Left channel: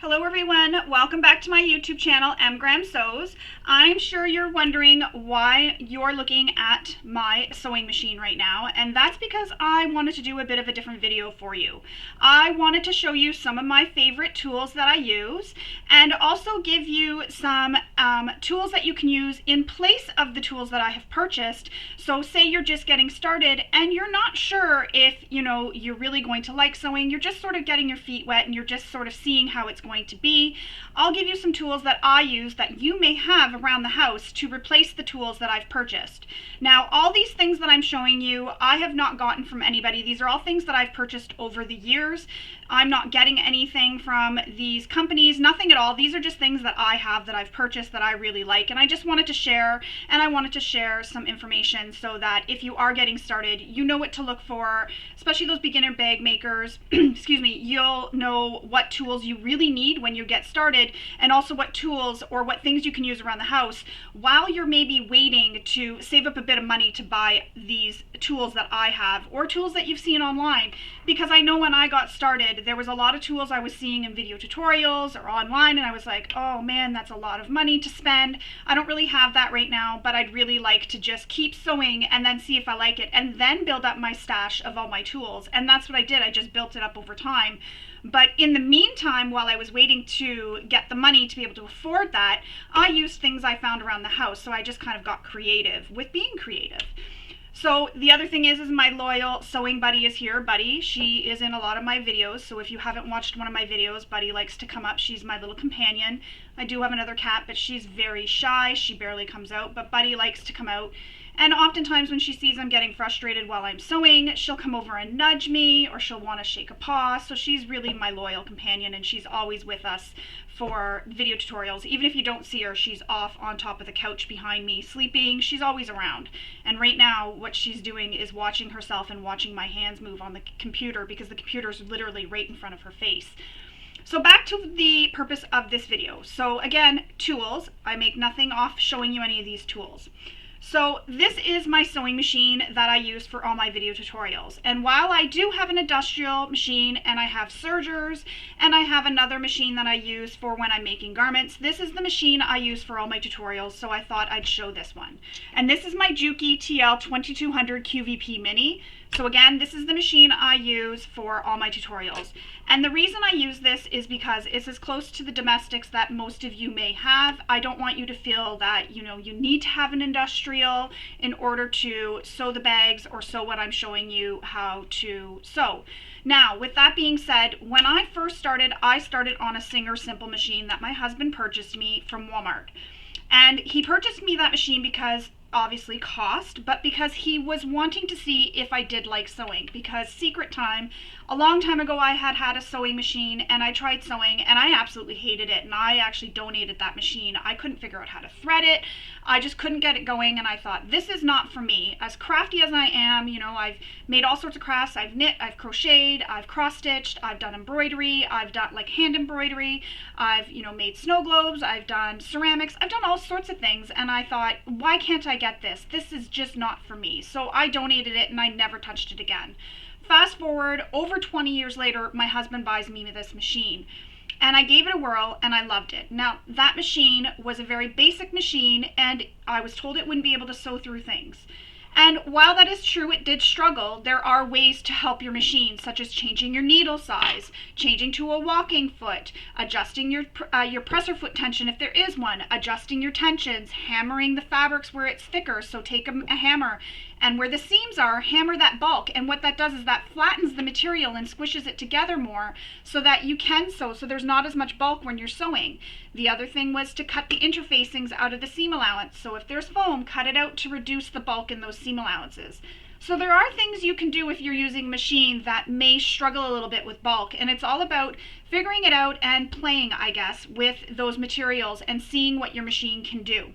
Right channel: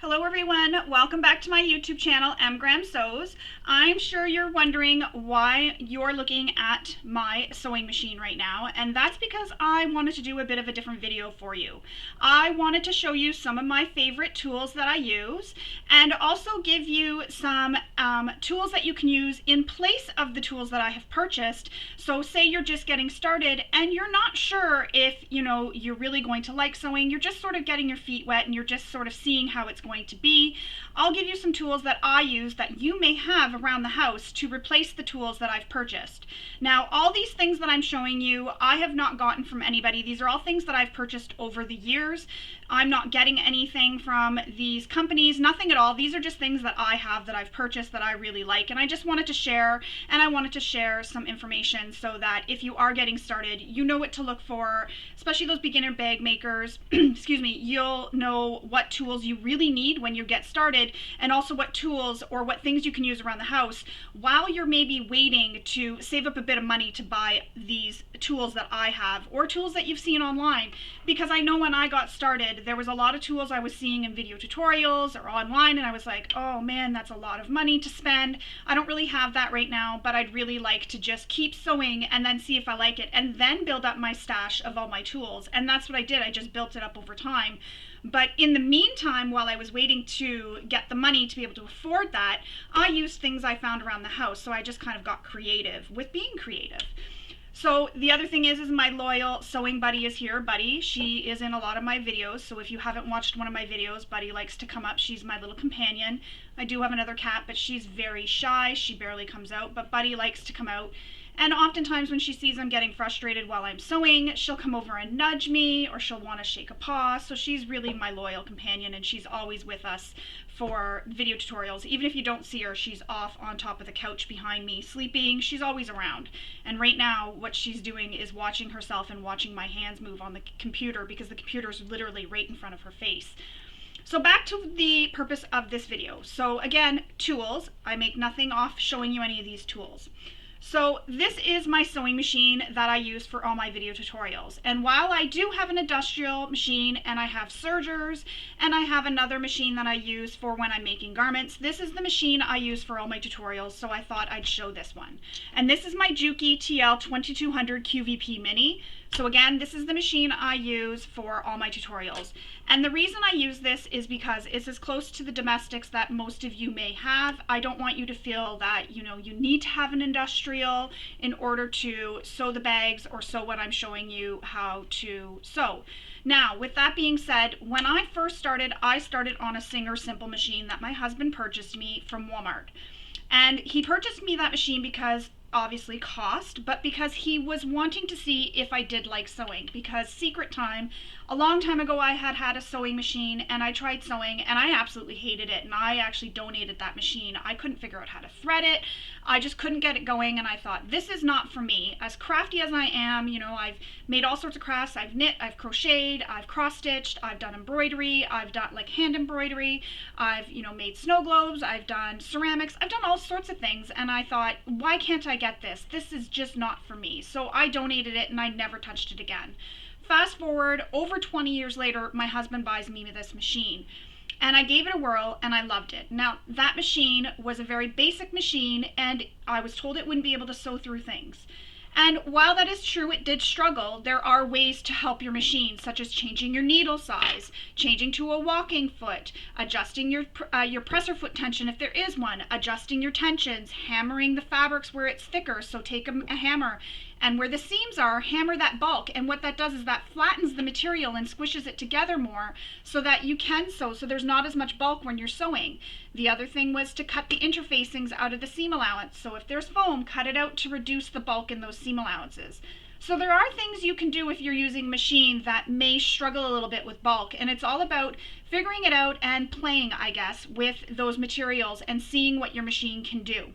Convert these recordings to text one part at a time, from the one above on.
Hello everyone, welcome back to my YouTube channel, mgrahamsews. I'm sure you're wondering why you're looking at my sewing machine right now, and that's because I wanted to do a bit of a different video for you. I wanted to show you some of my favorite tools that I use, and also give you some tools that you can use in place of the tools that I have purchased. So say you're just getting started and you're not sure if you're really going to like sewing, you're just sort of getting your feet wet and you're just sort of seeing how it's going to be. I'll give you some tools that I use that you may have around the house to replace the tools that I've purchased. Now, all these things that I'm showing you, I have not gotten from anybody. These are all things that I've purchased over the years. I'm not getting anything from these companies, nothing at all. These are just things that I have that I've purchased that I really like, and I just wanted to share, and I wanted to share some information so that if you are getting started, you know what to look for, especially those beginner bag makers, excuse me, you'll know what tools you really need when you get started, and also what tools or what things you can use around the house while you're maybe waiting to save up a bit of money to buy these tools that I have, or tools that you've seen online. Because I know when I got started, there was a lot of tools I was seeing in video tutorials or online, and I was like, oh man, that's a lot of money to spend. I don't really have that right now, but I'd really like to just keep sewing and then see if I like it, and then build up my stash of all my tools. And that's what I did. I just built it up over time. But in the meantime, while I was waiting to get the money to be able to afford that, I used things I found around the house. So I just kind of got creative with being creative. So the other thing is my loyal sewing buddy is here. Buddy, she is in a lot of my videos. So if you haven't watched one of my videos, Buddy likes to come up. She's my little companion. I do have another cat, but she's very shy. She barely comes out, but Buddy likes to come out. And oftentimes when she sees I'm getting frustrated while I'm sewing, she'll come over and nudge me, or she'll want to shake a paw. So she's really my loyal companion, and she's always with us for video tutorials. Even if you don't see her, she's off on top of the couch behind me sleeping. She's always around. And right now what she's doing is watching herself and watching my hands move on the computer, because the computer is literally right in front of her face. So back to the purpose of this video. So again, tools. I make nothing off showing you any of these tools. So this is my sewing machine that I use for all my video tutorials. And while I do have an industrial machine, and I have sergers, and I have another machine that I use for when I'm making garments, this is the machine I use for all my tutorials, so I thought I'd show this one. And this is my Juki TL2200 QVP Mini. So again, this is the machine I use for all my tutorials. And the reason I use this is because it's as close to the domestics that most of you may have. I don't want you to feel that, you need to have an industrial in order to sew the bags or sew what I'm showing you how to sew. Now, with that being said, when I first started, I started on a Singer Simple machine that my husband purchased me from Walmart. And he purchased me that machine because obviously cost, but because he was wanting to see if I did like sewing. Because secret time, a long time ago I had a sewing machine, and I tried sewing and I absolutely hated it, and I actually donated that machine. I couldn't figure out how to thread it. I just couldn't get it going, and I thought, this is not for me. As crafty as I am, I've made all sorts of crafts. I've knit, I've crocheted, I've cross-stitched, I've done embroidery, I've done like hand embroidery, I've made snow globes, I've done ceramics, I've done all sorts of things, and I thought, why can't I get this? This is just not for me. So I donated it and I never touched it again. Fast forward, over 20 years later, my husband buys me this machine. And I gave it a whirl, and I loved it. Now, that machine was a very basic machine, and I was told it wouldn't be able to sew through things. And while that is true, it did struggle. There are ways to help your machine, such as changing your needle size, changing to a walking foot, adjusting your presser foot tension if there is one, adjusting your tensions, hammering the fabrics where it's thicker. So take a hammer, and where the seams are, hammer that bulk. And what that does is that flattens the material and squishes it together more so that you can sew, so there's not as much bulk when you're sewing. The other thing was to cut the interfacings out of the seam allowance. So if there's foam, cut it out to reduce the bulk in those seam allowances. So there are things you can do if you're using a machine that may struggle a little bit with bulk, and it's all about figuring it out and playing, I guess, with those materials and seeing what your machine can do.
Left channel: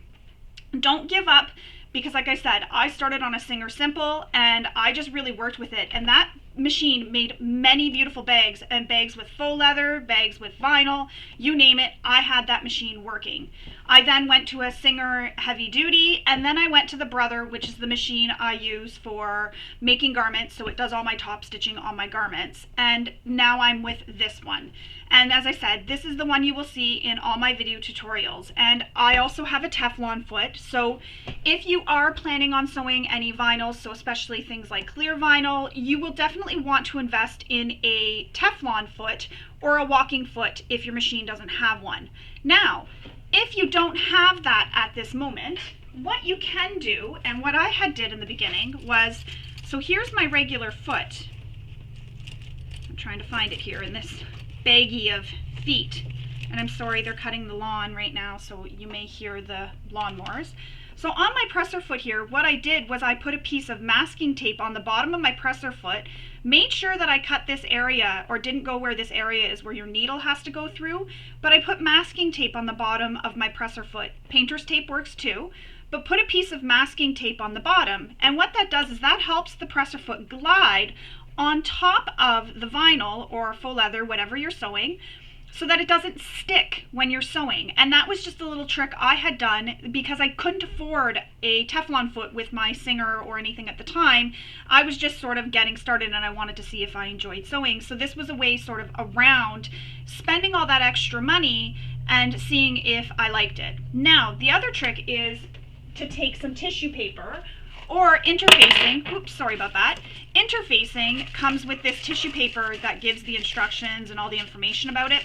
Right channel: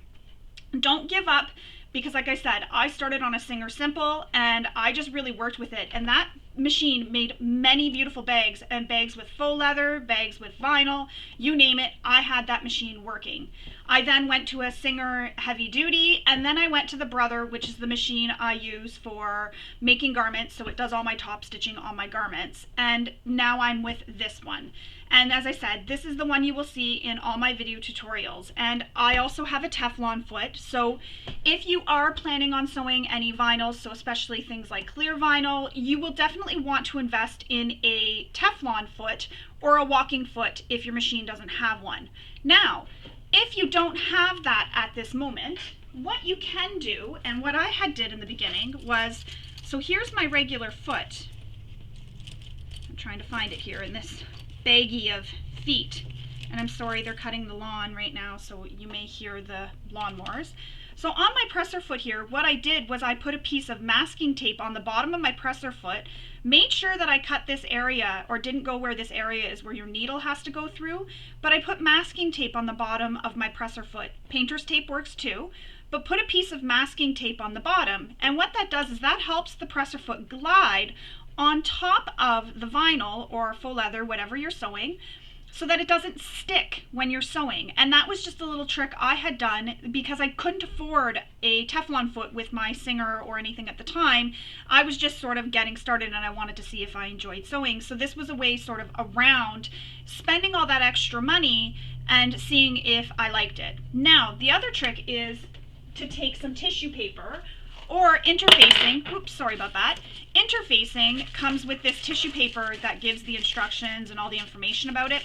Don't give up, because like I said, I started on a Singer Simple and I just really worked with it, and that machine made many beautiful bags, and bags with faux leather, bags with vinyl, you name it, I had that machine working. I then went to a Singer Heavy Duty, and then I went to the Brother, which is the machine I use for making garments, so it does all my top stitching on my garments, and now I'm with this one. And as I said, this is the one you will see in all my video tutorials. And I also have a Teflon foot. So if you are planning on sewing any vinyls, so especially things like clear vinyl, you will definitely want to invest in a Teflon foot or a walking foot if your machine doesn't have one. Now, if you don't have that at this moment, what you can do, and what I had did in the beginning was, so here's my regular foot. I'm trying to find it here in this baggie of feet. And I'm sorry, they're cutting the lawn right now, so you may hear the lawnmowers. So on my presser foot here, what I did was I put a piece of masking tape on the bottom of my presser foot, made sure that I cut this area, or didn't go where this area is where your needle has to go through, but I put masking tape on the bottom of my presser foot. Painter's tape works too, but put a piece of masking tape on the bottom. And what that does is that helps the presser foot glide on top of the vinyl or faux leather, whatever you're sewing, so that it doesn't stick when you're sewing. And that was just a little trick I had done because I couldn't afford a Teflon foot with my Singer or anything at the time. I was just sort of getting started and I wanted to see if I enjoyed sewing. So this was a way sort of around spending all that extra money and seeing if I liked it. Now, the other trick is to take some tissue paper or interfacing. Oops, sorry about that. Interfacing comes with this tissue paper that gives the instructions and all the information about it.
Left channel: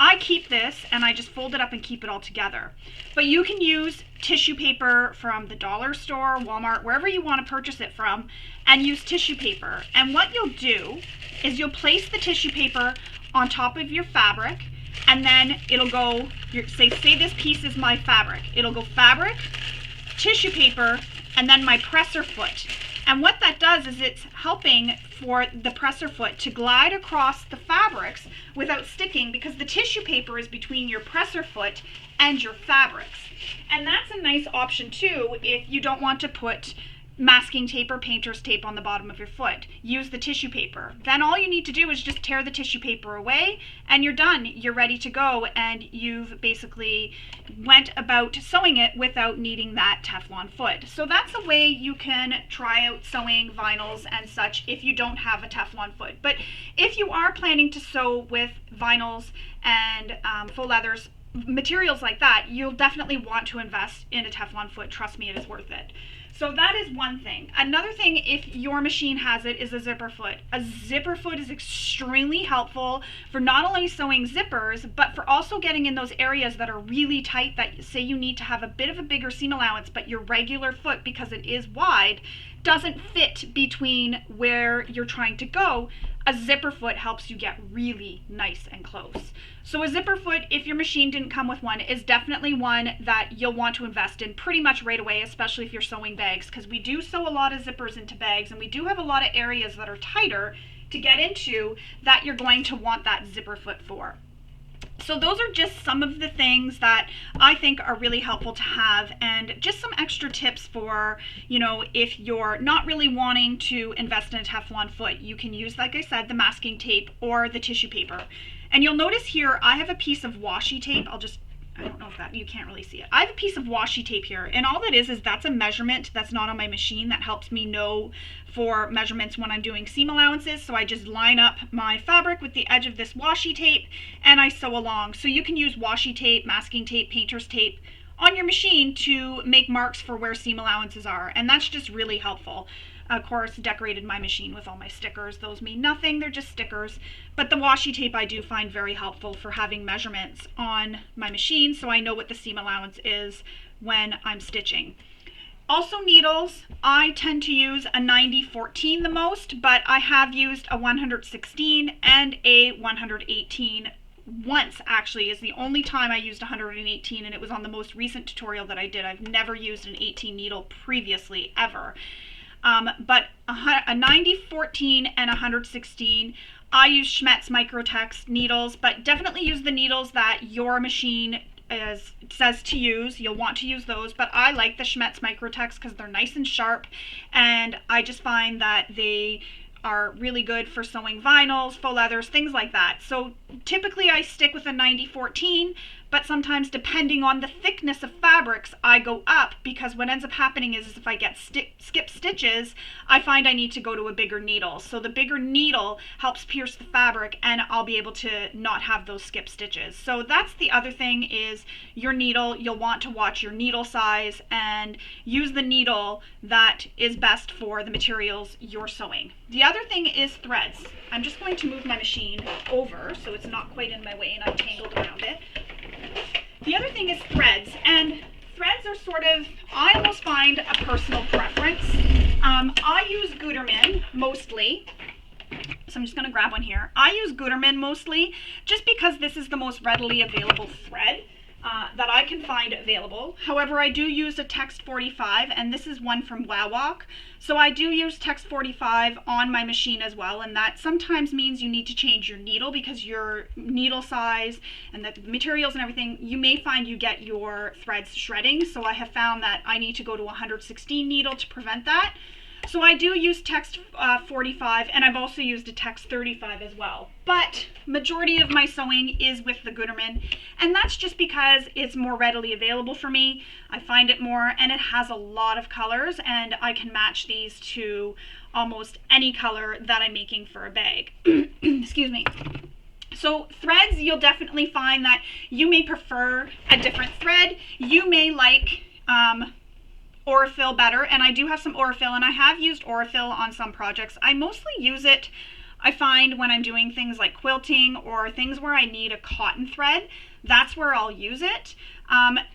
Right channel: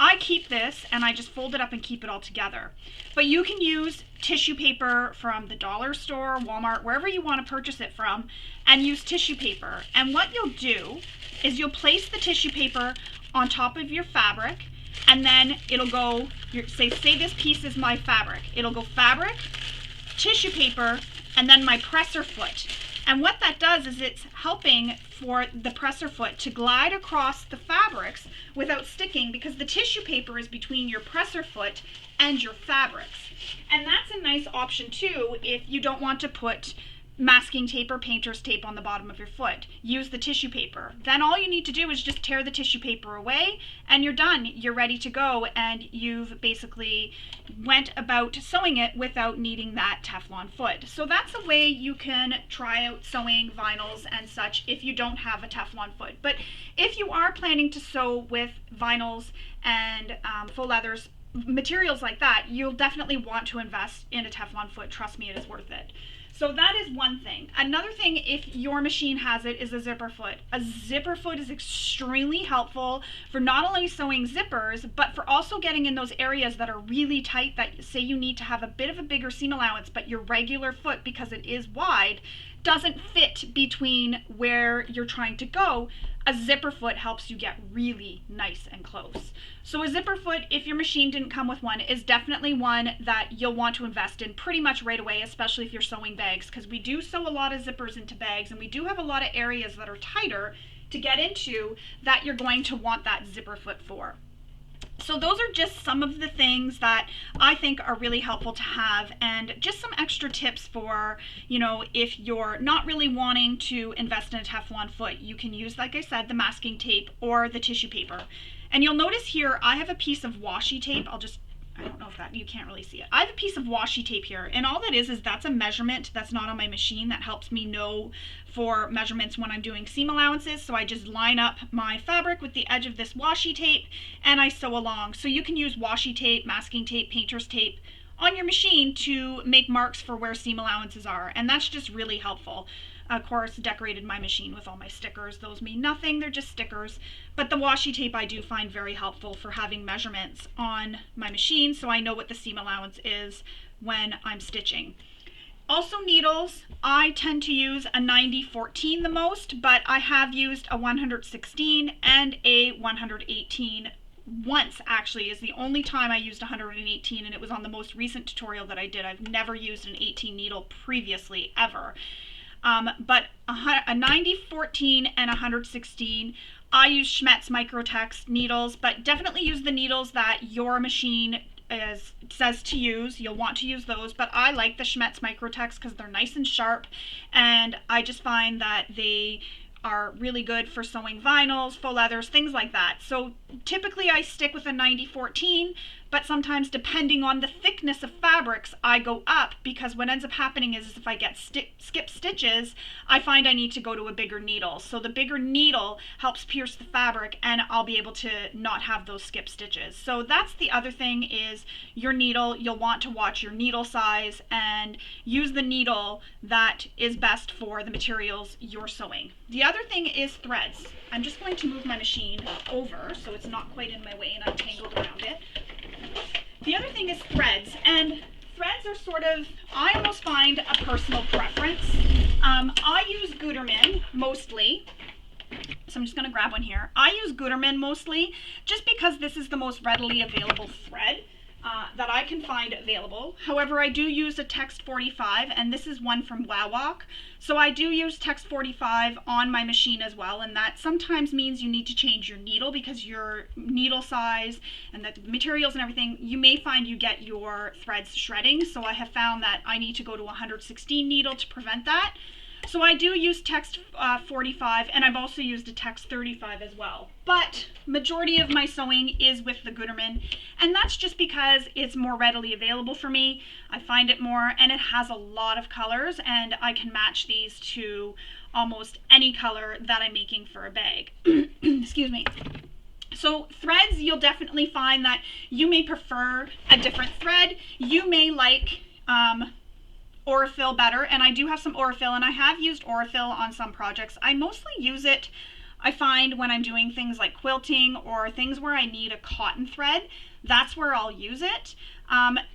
I keep this and I just fold it up and keep it all together. But you can use tissue paper from the dollar store, Walmart, wherever you want to purchase it from, and use tissue paper. And what you'll do is you'll place the tissue paper on top of your fabric, and then it'll go, say this piece is my fabric. It'll go fabric, tissue paper, and then my presser foot. And what that does is it's helping for the presser foot to glide across the fabrics without sticking, because the tissue paper is between your presser foot and your fabrics. And that's a nice option too if you don't want to put masking tape or painter's tape on the bottom of your foot. Use the tissue paper. Then all you need to do is just tear the tissue paper away and you're done. You're ready to go, and you've basically went about sewing it without needing that Teflon foot. So that's a way you can try out sewing vinyls and such if you don't have a Teflon foot. But if you are planning to sew with vinyls and faux leathers, materials like that, you'll definitely want to invest in a Teflon foot. Trust me, it is worth it. So that is one thing. Another thing, if your machine has it, is a zipper foot. A zipper foot is extremely helpful for not only sewing zippers, but for also getting in those areas that are really tight, that say you need to have a bit of a bigger seam allowance, but your regular foot, because it is wide, doesn't fit between where you're trying to go. A zipper foot helps you get really nice and close. So a zipper foot, if your machine didn't come with one, is definitely one that you'll want to invest in pretty much right away, especially if you're sewing bags, because we do sew a lot of zippers into bags, and we do have a lot of areas that are tighter to get into that you're going to want that zipper foot for. So those are just some of the things that I think are really helpful to have, and just some extra tips for, if you're not really wanting to invest in a Teflon foot, you can use, like I said, the masking tape or the tissue paper. And you'll notice here, I have a piece of washi tape. I don't know if that, you can't really see it. I have a piece of washi tape here, and all that is that's a measurement that's not on my machine that helps me know for measurements when I'm doing seam allowances. So I just line up my fabric with the edge of this washi tape and I sew along. So you can use washi tape, masking tape, painter's tape on your machine to make marks for where seam allowances are, and that's just really helpful. Of course, decorated my machine with all my stickers. Those mean nothing, they're just stickers. But the washi tape I do find very helpful for having measurements on my machine, so I know what the seam allowance is when I'm stitching. Also needles, I tend to use a 90-14 the most, but I have used a 116 and a 118 once. Actually is the only time I used 118, and it was on the most recent tutorial that I did. I've never used an 18 needle previously, ever. But a 90-14 and 116, I use Schmetz Microtex needles, but definitely use the needles that your machine says to use. You'll want to use those, but I like the Schmetz Microtex because they're nice and sharp, and I just find that they are really good for sewing vinyls, faux leathers, things like that. So typically I stick with a 90-14, but sometimes depending on the thickness of fabrics, I go up, because what ends up happening is if I get skip stitches, I find I need to go to a bigger needle. So the bigger needle helps pierce the fabric, and I'll be able to not have those skip stitches. So that's the other thing, is your needle. You'll want to watch your needle size and use the needle that is best for the materials you're sewing. The other thing is threads. I'm just going to move my machine over so it's not quite in my way and I'm tangled around it. The other thing is threads, and threads are sort of, I almost find, a personal preference. I use Gutermann mostly, so I'm just going to grab one here. I use Gutermann mostly just because this is the most readily available thread that I can find available. However, I do use a Text 45, and this is one from Wowwalk. So I do use Text 45 on my machine as well, and that sometimes means you need to change your needle because your needle size and the materials and everything, you may find you get your threads shredding. So I have found that I need to go to a 116 needle to prevent that. So I do use Text 45, and I've also used a Text 35 as well. But majority of my sewing is with the Gutermann, and that's just because it's more readily available for me. I find it more, and it has a lot of colors, and I can match these to almost any color that I'm making for a bag. Excuse me. So threads, you'll definitely find that you may prefer a different thread. You may like Aurifil better, and I do have some Aurifil, and I have used Aurifil on some projects. I mostly use it, I find, when I'm doing things like quilting or things where I need a cotton thread. That's where I'll use it.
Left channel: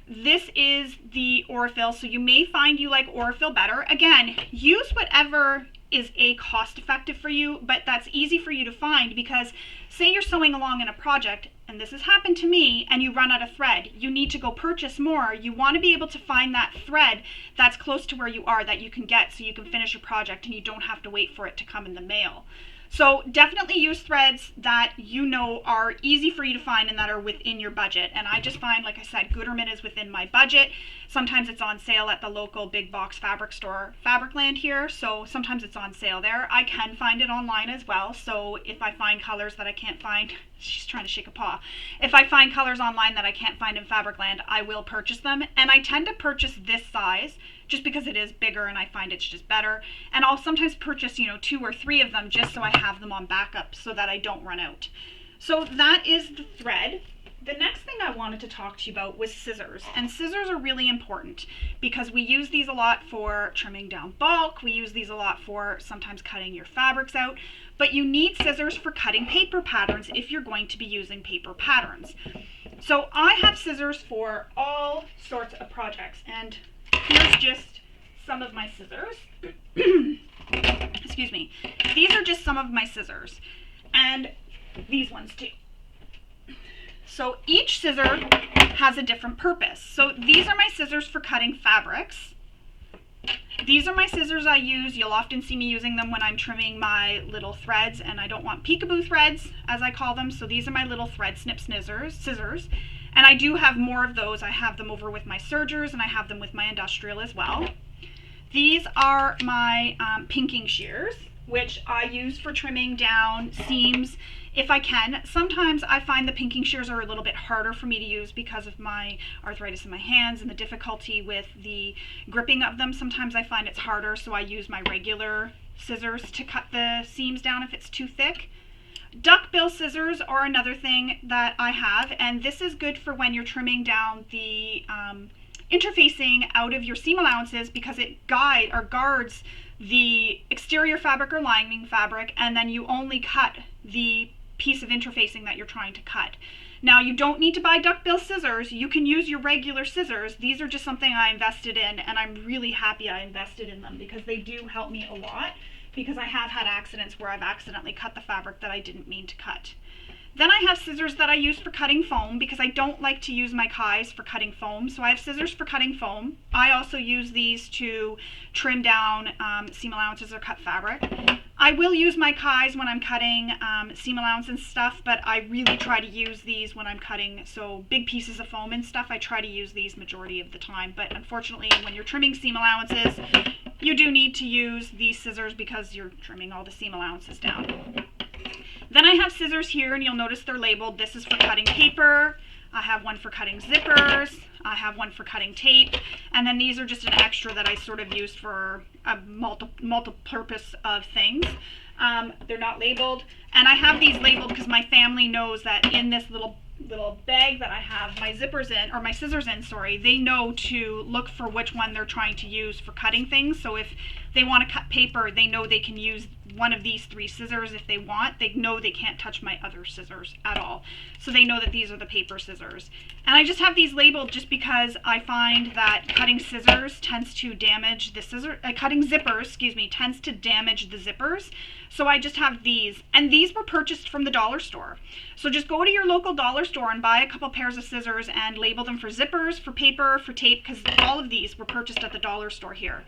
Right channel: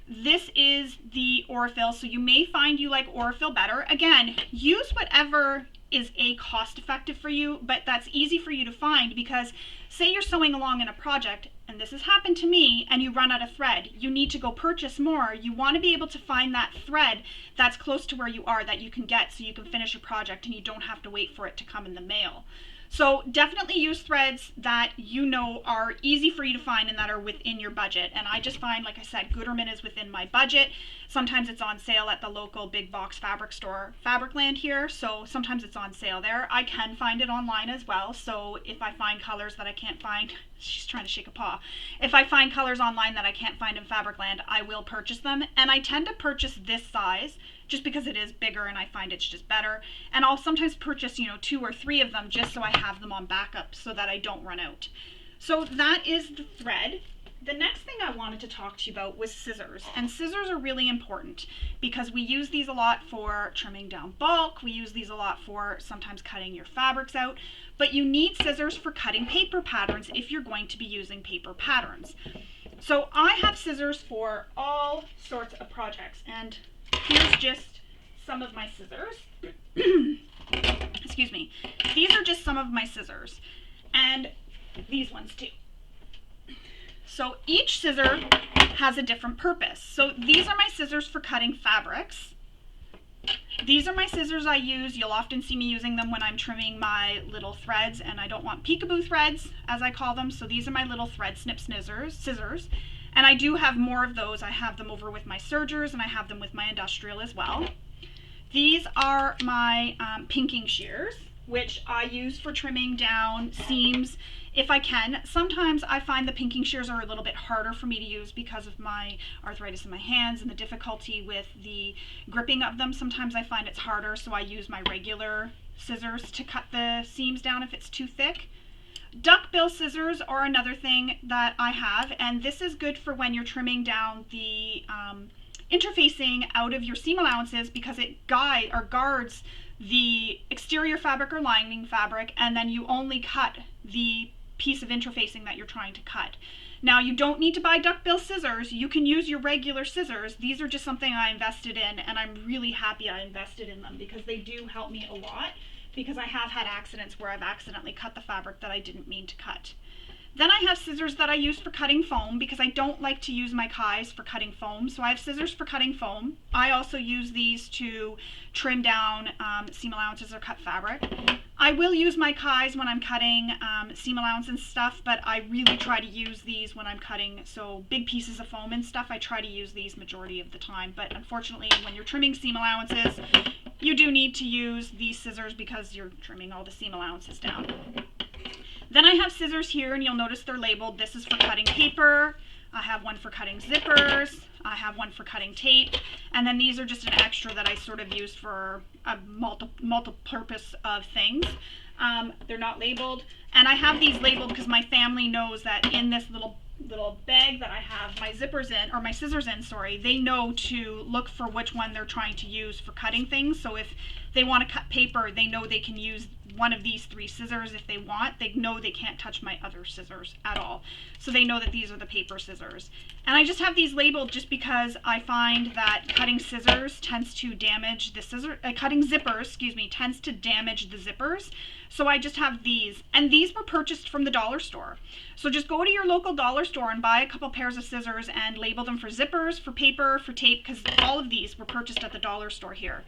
This is the Aurifil, so you may find you like Aurifil better. Again, use whatever is cost effective for you, but that's easy for you to find, because say you're sewing along in a project, and this has happened to me, and you run out of thread. You need to go purchase more. You want to be able to find that thread that's close to where you are that you can get, so you can finish your project and you don't have to wait for it to come in the mail. So definitely use threads that you know are easy for you to find and that are within your budget. And I just find, like I said, Gutermann is within my budget. Sometimes it's on sale at the local big box fabric store, Fabricland here, so sometimes it's on sale there. I can find it online as well, so if I find colors that I can't find, she's trying to shake a paw. If I find colors online that I can't find in Fabricland, I will purchase them. And I tend to purchase this size just because it is bigger and I find it's just better. And I'll sometimes purchase, 2 or 3 of them just so I have them on backup so that I don't run out. So that is the thread. The next thing I wanted to talk to you about was scissors. And scissors are really important because we use these a lot for trimming down bulk. We use these a lot for sometimes cutting your fabrics out. But you need scissors for cutting paper patterns if you're going to be using paper patterns. So I have scissors for all sorts of projects. And here's just some of my scissors. Excuse me. These are just some of my scissors. And these ones too. So each scissor has a different purpose. So these are my scissors for cutting fabrics. These are my scissors I use. You'll often see me using them when I'm trimming my little threads, and I don't want peekaboo threads, as I call them. So these are my little thread snip scissors. And I do have more of those. I have them over with my sergers, and I have them with my industrial as well. These are my pinking shears, which I use for trimming down seams if I can. Sometimes I find the pinking shears are a little bit harder for me to use because of my arthritis in my hands and the difficulty with the gripping of them. Sometimes I find it's harder, so I use my regular scissors to cut the seams down if it's too thick. Duckbill scissors are another thing that I have, and this is good for when you're trimming down the interfacing out of your seam allowances, because it guards the exterior fabric or lining fabric, and then you only cut the piece of interfacing that you're trying to cut. Now, you don't need to buy duckbill scissors. You can use your regular scissors. These are just something I invested in, and I'm really happy I invested in them because they do help me a lot, because I have had accidents where I've accidentally cut the fabric that I didn't mean to cut. Then I have scissors that I use for cutting foam because I don't like to use my kais for cutting foam. So I have scissors for cutting foam. I also use these to trim down seam allowances or cut fabric. I will use my kais when I'm cutting seam allowance and stuff, but I really try to use these when I'm cutting big pieces of foam and stuff. I try to use these majority of the time, but unfortunately when you're trimming seam allowances, you do need to use these scissors because you're trimming all the seam allowances down. Then I have scissors here, and you'll notice they're labeled. This is for cutting paper. I have one for cutting zippers. I have one for cutting tape. And then these are just an extra that I sort of used for a multi-purpose of things. They're not labeled. And I have these labeled because my family knows that in this little bag that I have my zippers in, or my scissors in, sorry, they know to look for which one they're trying to use for cutting things. So if they want to cut paper, they know they can use one of these 3 scissors if they want. They know they can't touch my other scissors at all. So they know that these are the paper scissors. And I just have these labeled just because I find that cutting scissors tends to damage the cutting zippers, excuse me, tends to damage the zippers. So I just have these, and these were purchased from the dollar store. So just go to your local dollar store and buy a couple pairs of scissors and label them for zippers, for paper, for tape, because all of these were purchased at the dollar store here.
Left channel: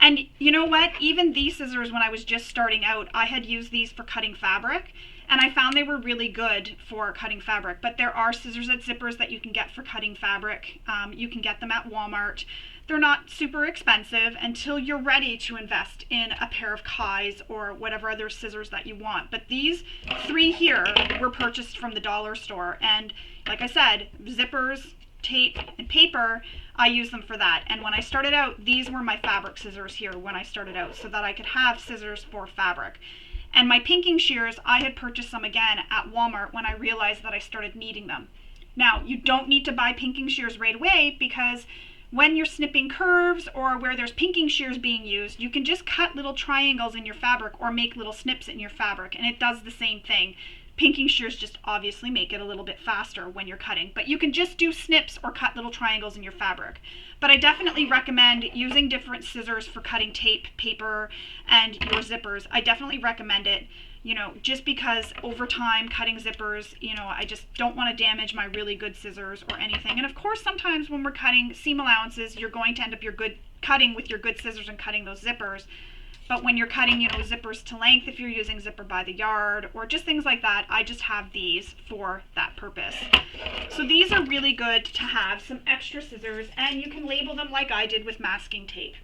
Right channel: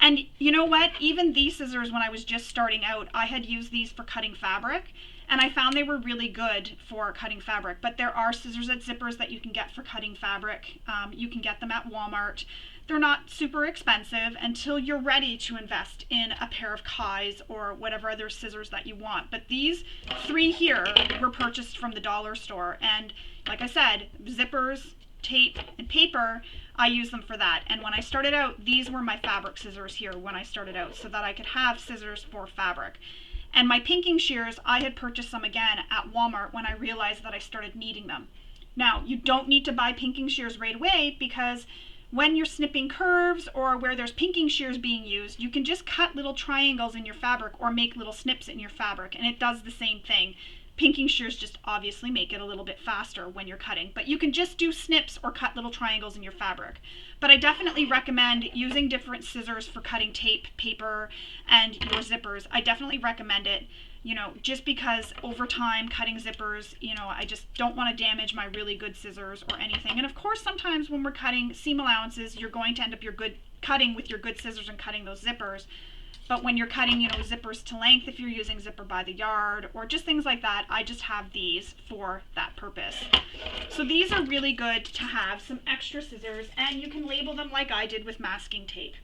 And you know what? Even these scissors, when I was just starting out, I had used these for cutting fabric, and I found they were really good for cutting fabric. But there are scissors at Zippers that you can get for cutting fabric. You can get them at Walmart. They're not super expensive until you're ready to invest in a pair of Kai's or whatever other scissors that you want. But these 3 here were purchased from the dollar store. And like I said, zippers, tape, and paper, I use them for that. And when I started out, these were my fabric scissors here when I started out, so that I could have scissors for fabric. And my pinking shears, I had purchased some again at Walmart when I realized that I started needing them. Now, you don't need to buy pinking shears right away, because when you're snipping curves or where there's pinking shears being used, you can just cut little triangles in your fabric or make little snips in your fabric, and it does the same thing. Pinking shears just obviously make it a little bit faster when you're cutting, but you can just do snips or cut little triangles in your fabric. But I definitely recommend using different scissors for cutting tape, paper, and your zippers. I definitely recommend it, you know, just because over time cutting zippers, you know, I just don't want to damage my really good scissors or anything. And of course, sometimes when we're cutting seam allowances, you're going to end up cutting with your good scissors and cutting those zippers. But when you're cutting, you know, zippers to length, if you're using zipper by the yard or just things like that, I just have these for that purpose. So these are really good to have some extra scissors, and you can label them like I did with masking tape.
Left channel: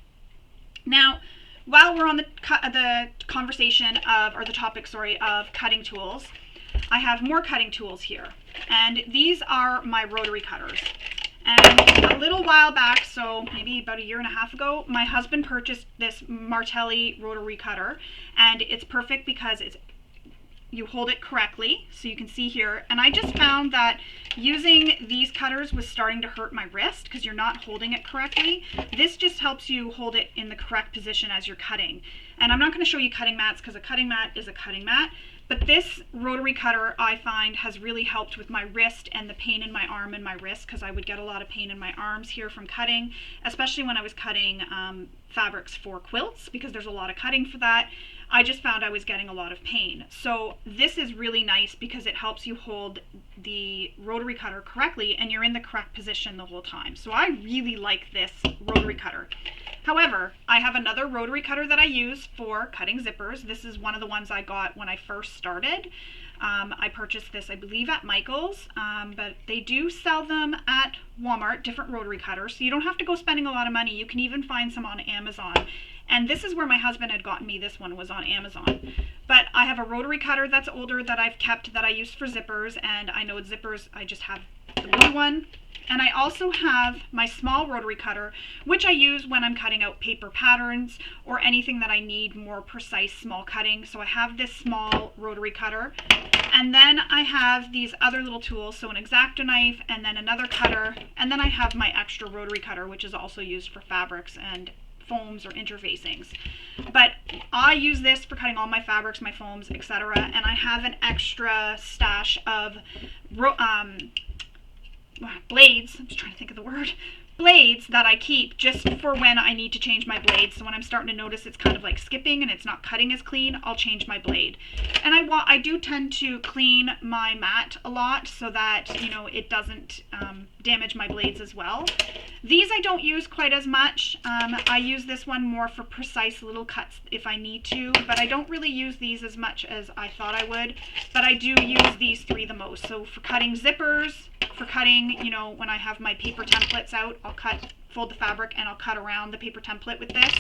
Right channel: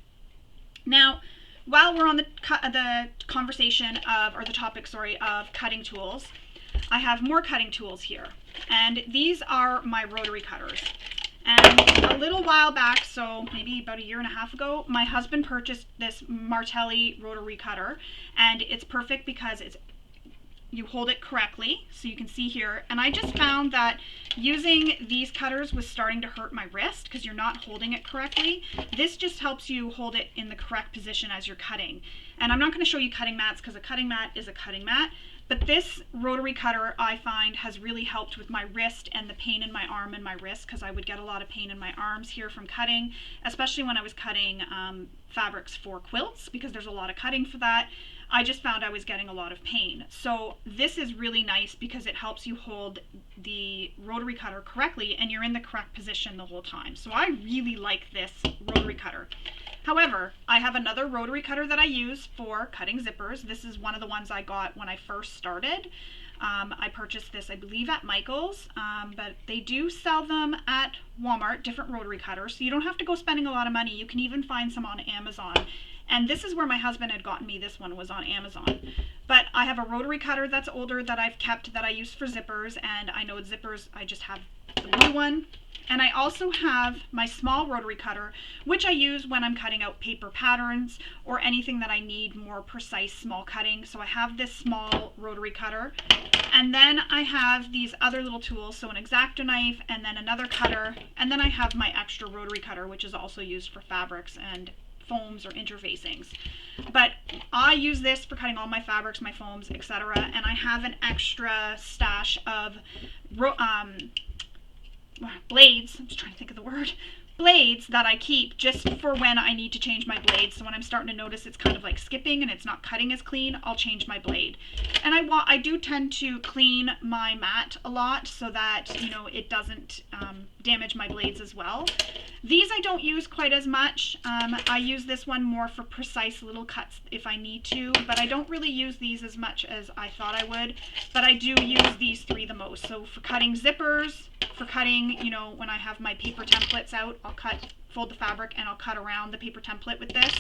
Now, while we're on the conversation of, or the topic, sorry, of cutting tools, I have more cutting tools here. And these are my rotary cutters. And a little while back, so maybe about 1.5 years ago, my husband purchased this Martelli rotary cutter, and it's perfect because you hold it correctly, so you can see here. And I just found that using these cutters was starting to hurt my wrist because you're not holding it correctly. This just helps you hold it in the correct position as you're cutting. And I'm not going to show you cutting mats because a cutting mat is a cutting mat. But this rotary cutter, I find, has really helped with my wrist and the pain in my arm and my wrist, because I would get a lot of pain in my arms here from cutting, especially when I was cutting fabrics for quilts, because there's a lot of cutting for that. I just found I was getting a lot of pain. So this is really nice because it helps you hold the rotary cutter correctly and you're in the correct position the whole time. So I really like this rotary cutter. However, I have another rotary cutter that I use for cutting zippers. This is one of the ones I got when I first started. I purchased this, I believe, at Michael's, but they do sell them at Walmart, different rotary cutters, so you don't have to go spending a lot of money. You can even find some on Amazon. And this is where my husband had gotten me. This one was on Amazon. But I have a rotary cutter that's older that I've kept that I use for zippers, and I know it's zippers, I just have the blue one. And I also have my small rotary cutter, which I use when I'm cutting out paper patterns or anything that I need more precise small cutting. So I have this small rotary cutter. And then I have these other little tools, so an X-Acto knife and then another cutter. And then I have my extra rotary cutter, which is also used for fabrics and foams or interfacings. But I use this for cutting all my fabrics, my foams, etc. And I have an extra stash of blades, I'm just trying to think of the word, blades that I keep just for when I need to change my blade. So when I'm starting to notice it's kind of like skipping and it's not cutting as clean, I'll change my blade. And I do tend to clean my mat a lot so that, you know, it doesn't damage my blades as well. These I don't use quite as much. I use this one more for precise little cuts if I need to, but I don't really use these as much as I thought I would. But I do use these 3 the most. So for cutting zippers, for cutting, you know, when I have my paper templates out, I'll fold the fabric and I'll cut around the paper template with this.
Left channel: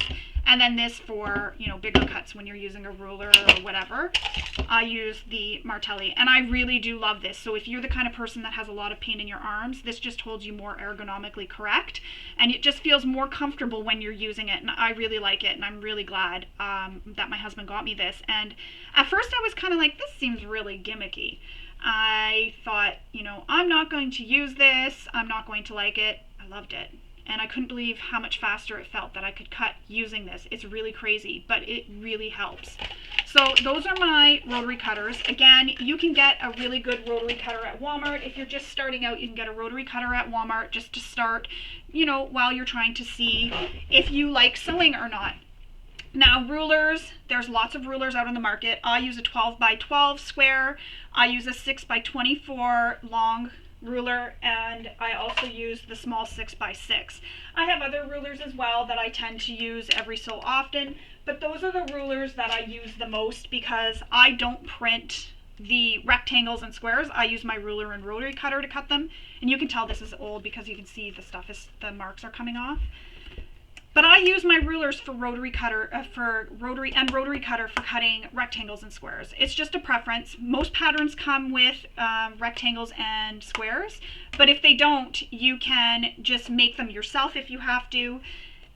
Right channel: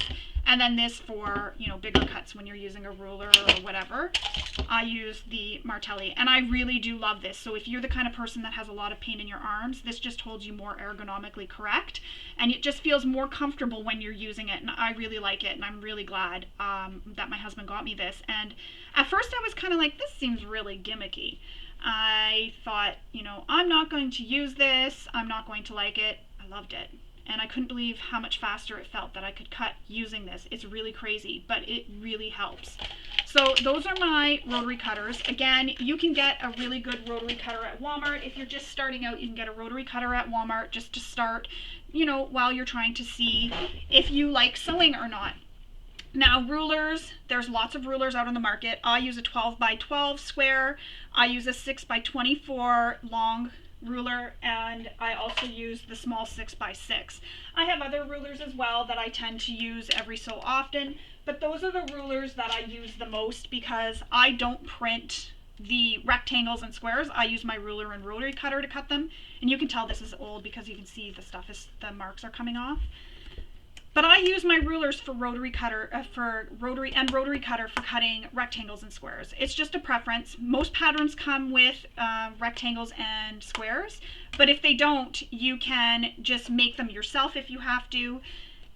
And then this for, you know, bigger cuts when you're using a ruler or whatever. I use the Martelli, and I really do love this. So if you're the kind of person that has a lot of pain in your arms, this just holds you more ergonomically correct, and it just feels more comfortable when you're using it, and I really like it, and I'm really glad that my husband got me this. And at first I was kind of like, this seems really gimmicky. I thought, you know, I'm not going to use this, I'm not going to like it. I loved it. And I couldn't believe how much faster it felt that I could cut using this. It's really crazy, but it really helps. So those are my rotary cutters. Again, you can get a really good rotary cutter at Walmart. If you're just starting out, you can get a rotary cutter at Walmart just to start, you know, while you're trying to see if you like sewing or not. Now, rulers, there's lots of rulers out on the market. I use a 12 by 12 square. I use a 6 by 24 long ruler, and I also use the small 6 by 6. I have other rulers as well that I tend to use every so often, but those are the rulers that I use the most because I don't print the rectangles and squares. I use my ruler and rotary cutter to cut them, and you can tell this is old because you can see the marks are coming off. But I use my rulers for rotary cutter, rotary cutter for cutting rectangles and squares. It's just a preference. Most patterns come with rectangles and squares, but if they don't, you can just make them yourself if you have to,